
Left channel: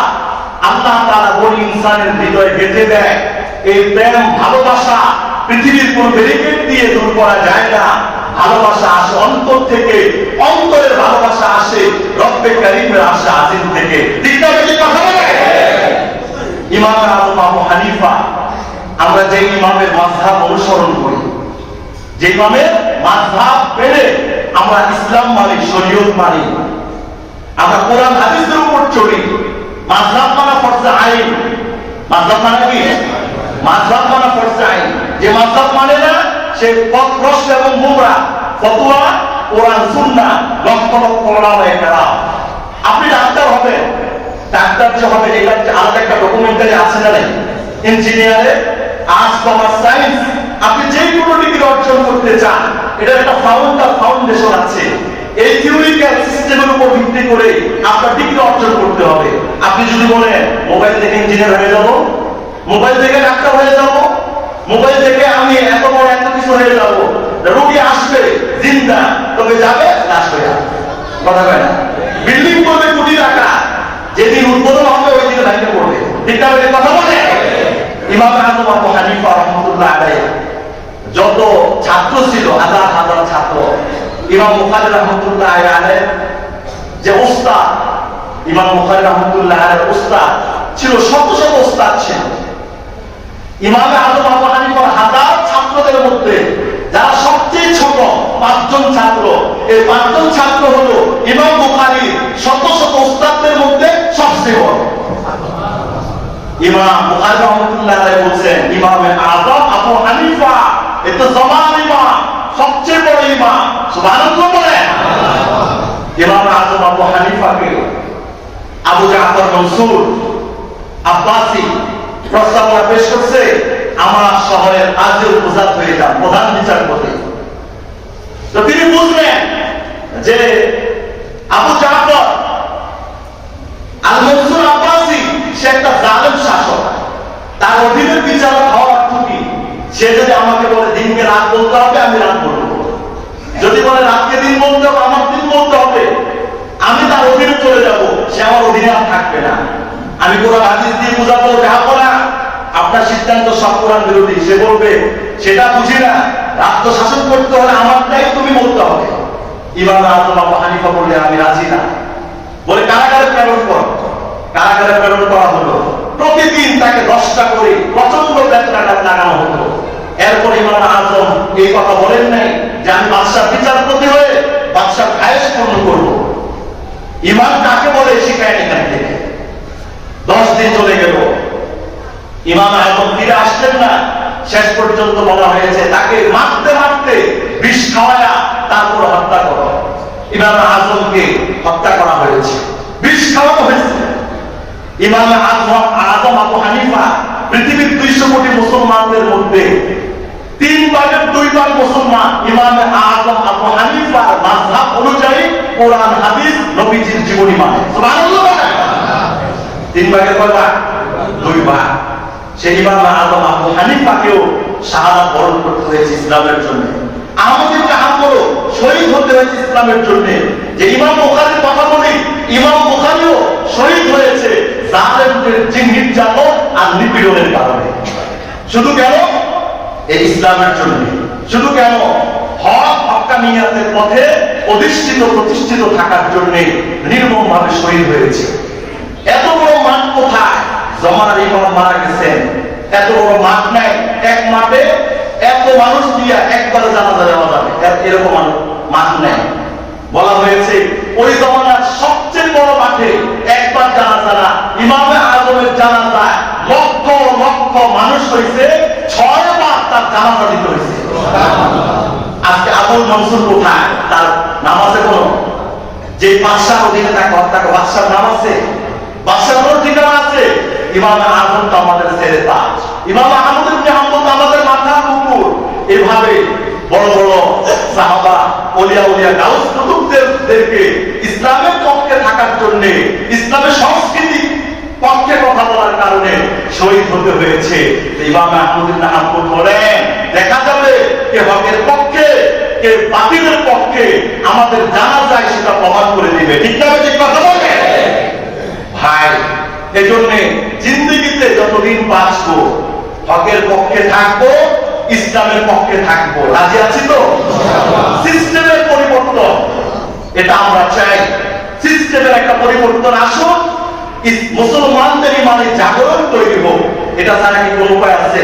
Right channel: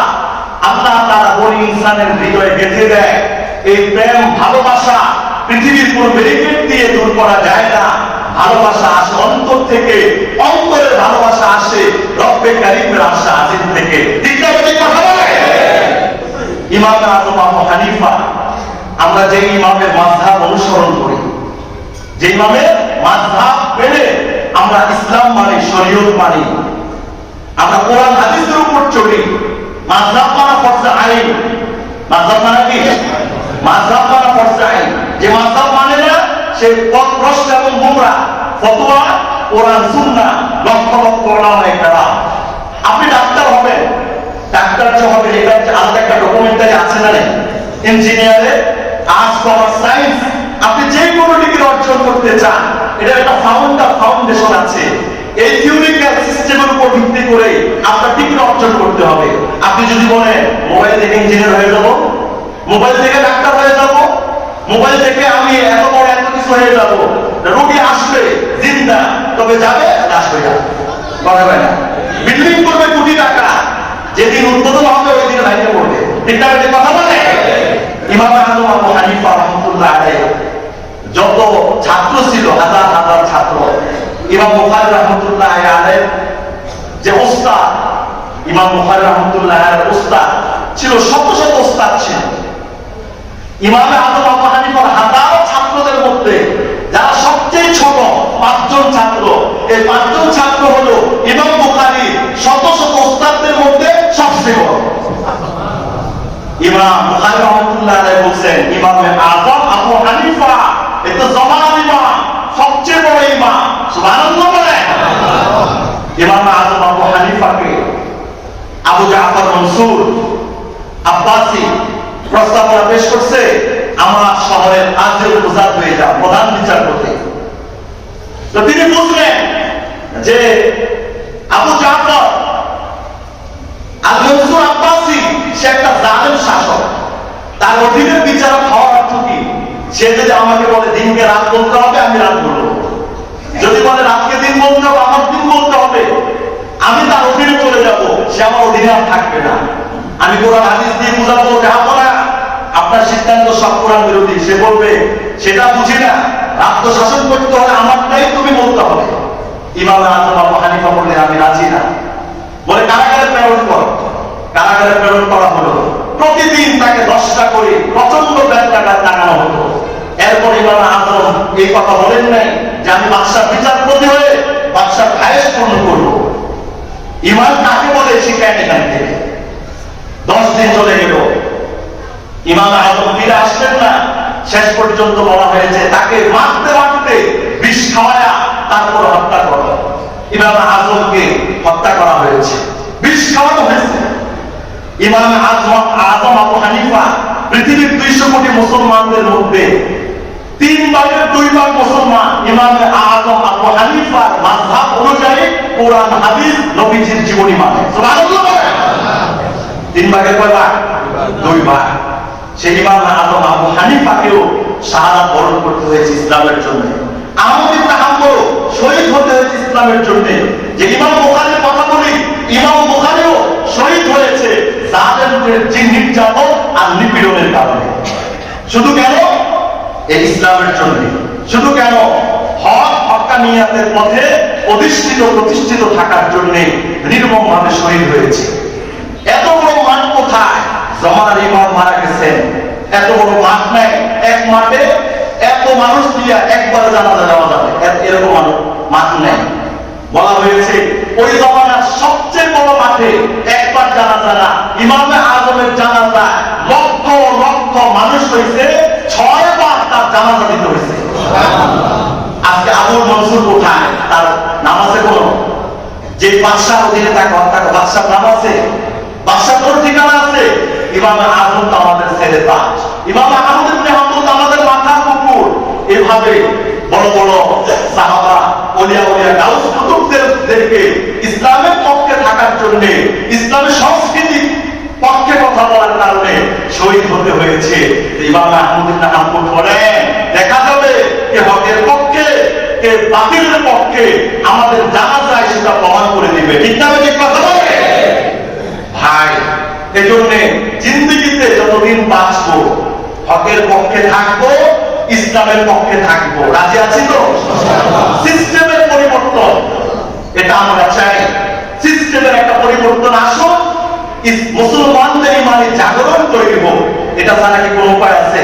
আল্লাহ তাআলা বনি ইনসানের হৃদয়ে গেঁথে দেয়, এই প্রেম ভালোবাসা পৃথিবীর কোন ব্যারিকেড দিয়ে দূর করা যায় না। ভালোবাসা আসে অন্তর থেকে, অন্তরের ভালোবাসা আসে রব্বে কারীমের আশা আজিম থেকে। ঠিক না? কথা বলে ইমাম আযম আবু হানিফা, আমরা যে ইমামের মাযহাব অনুসরণ করি, যে ইমামের মাযহাব মেনে আমরা ইসলাম মানি, শরীয়ত মানি, আমরা কোরআন হাদিসের উপর চলি। মাযহাব মানা ফরজে আইন। মাযহাব মানে কি? মাযহাব মানা ফরজে আইন। যে মাযহাব মানে না সে পথভ্রষ্ট এবং গোমরা, ফতোয়া কোরআন সুন্নাহ লক্ষ লক্ষ ওলামায়ে কেরাম। আপনি ডাক্তার হবেন, ডাক্তার যে হবে এটা হচ্ছে আলাদা একটা ডকুমেন্টারি আছে না? ইঞ্জিনিয়ারে আর্টস কমার্স সায়েন্স, আপনি যে কোনো ডিগ্রি অর্জন করতে চান এটা একটা ফাউন্ডেশন আছে। এই থিওরিক্যাল সিস্টেমের উপর ভিত্তি করে আপনার ডিগ্রি অর্জন করতে হবে। আপনি যদি বলেন মোবাইল থেকে ইঞ্জিনিয়ার হয়ে যাব, মোবাইল থেকে ডাক্তার হয়ে যাব, মোবাইল থেকে আমি এত বড় এত কিছু হয়ে যাব, রোগী আসবে জিন্দা, তবে যাবে আসবে না, করা যায় না। বিল্ডিং করবে কোটি টাকা, যেদিন উদ্বোধন হবে ওই দিন লাইনে পড়বে। ঠিক না? এটা কথা বলে ইমাম আজম আবু হানিফা রাহমাতুল্লাহ আলাইহি যত ছাত্র ছিল, হাজার হাজার ছাত্র, ইমাম বুখারী রাহমাতুল্লাহ আলাইহি যে উস্তাদ, ইমাম বুখারী রাহমাতুল্লাহ আলাইহি উস্তাদ ছিল, শত শত উস্তাদ ছিল। ইমাম আজম আবু হানিফার হাজার ছাত্রদের মধ্যে যারা সবচেয়ে ছোট 5 জন ছাত্র, এই 5 জন ছাত্র হলো ইমাম বুখারী শত শত উস্তাদদের মধ্যে সবচেয়ে বড়। ইমাম বুখারী রাহমাতুল্লাহ আলাইহি বলেন ইমাম আজম আবু হানিফা এত জমান ইমাম, সবচেয়ে বড় ইমাম। সুবহানাল্লাহ বলেন। ইমাম আজম আবু হানিফাকে আবু জাফর মনসুর আব্বাসি প্রস্তাবনা পেশ করছে, আমরা শহরের আজের মুজাদ হয়ে যাব প্রধান বিচারপতি। তো তিনি বুঝলেন যে আবু জাফর আল মনসুর আব্বাসি সে একটা জালেম শাসক, তার অধীনে বিচারক হওয়ার অর্থ কি? সে যদি আমাকে বলে দিনকে রাত বলতে হবে, আমি রাত বলবো। যদি বলে রাতকে দিন বলতে হবে, আমার দিন বলতে হবে। আমি তার অধীনে চলে যাব, সে আমার অধীনে আর থাকবে না। আমি কোরআন হাদিস দিয়ে বুঝাবো যে আপনারা আপনার সিদ্ধান্ত সব কোরআন বিরোধী। সে বলবে সেটা বুঝি না, রাষ্ট্র শাসন করতে হলে আমারটাই তুমি বলতে হবে। ইমাম আজম আবু হানিফা বললেন আমি রাজি না। বলে কারাগারে প্রেরণ কর। কারাগারে প্রেরণ করা হলো। প্রতিদিন তাকে 10টা করে প্রচন্ড বেত্রাঘাত লাগানো হতো। এরপর ইমাম আজম এই কথা বলেন নাই যে আমি বাদশার বিচারপতি হয়ে বাদশার ভাইস পূর্ণ করবো। ইমাম কাকে বলে শিখায় এখান থেকে। 10 দিন চলে গেল, ইমাম আজম ফিরে আসলেন না। শেষ পর্যন্ত বলা হয়েছে তাকে মারতে মারতে বিষ খাওয়ায়া তারপর হত্যা করা। ইমাম আজমকে হত্যা করা হয়েছে, বিষ খাওয়ানো হয়েছে। ইমাম আজম আবু হানিফা পৃথিবীর 200 কোটি মুসলমানদের মধ্যে 3 ভাগের 2 ভাগ মুসলমান। ইমাম আজম আবু হানিফার মাযহাব অনুযায়ী কোরআন হাদিস নবীজির জীবনী মানে। সুবহানাল্লাহ। 3 ভাগের কয় ভাগ? 2 ভাগ। সেই ইমাম আজম আবু হানিফাকেও শাহাদাত বরণ করতে হয়েছে ইসলামের জন্য। আহমদ ইবনে হাম্বল শহীদ হতে হয়েছে ইসলামের জন্য। যে ইমাম বুখারীর কথা বলি, ইমাম বুখারীও শহীদ হয়েছে জালেমদের নির্যাতন আর নিপীড়নের কারণে। শুধু কেন? এই ইসলামের জন্য। শুধু কেন? হক হক্কানিয়াতের পথে অধিষ্ঠিত প্রতিষ্ঠিত থাকার জন্য নির্মমভাবে শহীদ হয়েছে। এত বড় মাঠ কোথায়? জমানার ইমাম মারা গেছেন, এত বড় মাঠ নাই। এক মাঠে এত মানুষ দিয়া একবারে জানাজা দেওয়া যাবে এরকম মাঠ নেই। বলা হয়েছে ওই জমানার সবচেয়ে বড় মাঠে একবার জানাজা না, ইমাম আজমের জানাজা লক্ষ লক্ষ মানুষ হয়েছে, 6 বার তার জানাজা দিতে হয়েছে। আজকে আবুল মনসুর কোথায়? তার নামাজে কোনো যে বাদশার অধীনে তাকে হত্যা করে, বাদশার নাম আছে, বাদশার কোন ঠিকানা আছে? ইমাম আজম তো আমাদের ছেলে তাজ, ইমাম আহমদ ইবনে হাম্বল তো আমাদের মাথার কুকুর। এভাবে বড় বড় সাহাবা, ওলিয়া ওলিয়া গাউস কুতুবদেরকে ইসলামের পক্ষে থাকার জন্য, ইসলামের সংস্কৃতি পক্ষে কথা বলার কারণে শহীদ হতে হয়েছে। ইমাম আহমদ ইবনে হাম্বল বলেন দেখা যাবে কে হকের পক্ষে কে বাতিলের পক্ষে, আমাদের জানা যায় সেটা প্রমাণ করে দিবে। ঠিক না? যে কথা বলে ভাই, এজন্য জিন্দেগিতে যতদিন বাঁচবো হকের পক্ষে থাকবো, ইসলামের পক্ষে থাকবো। রাজি আছি তো? সিস্টেমের পরিবর্তন এটা আমরা চাই। সিস্টেমের একটা পরিবর্তন আসুন, মুসলমানদের ইমানে জাগরণ তৈরি হোক। এটা ছাড়া কি কোনো উপায় আছে?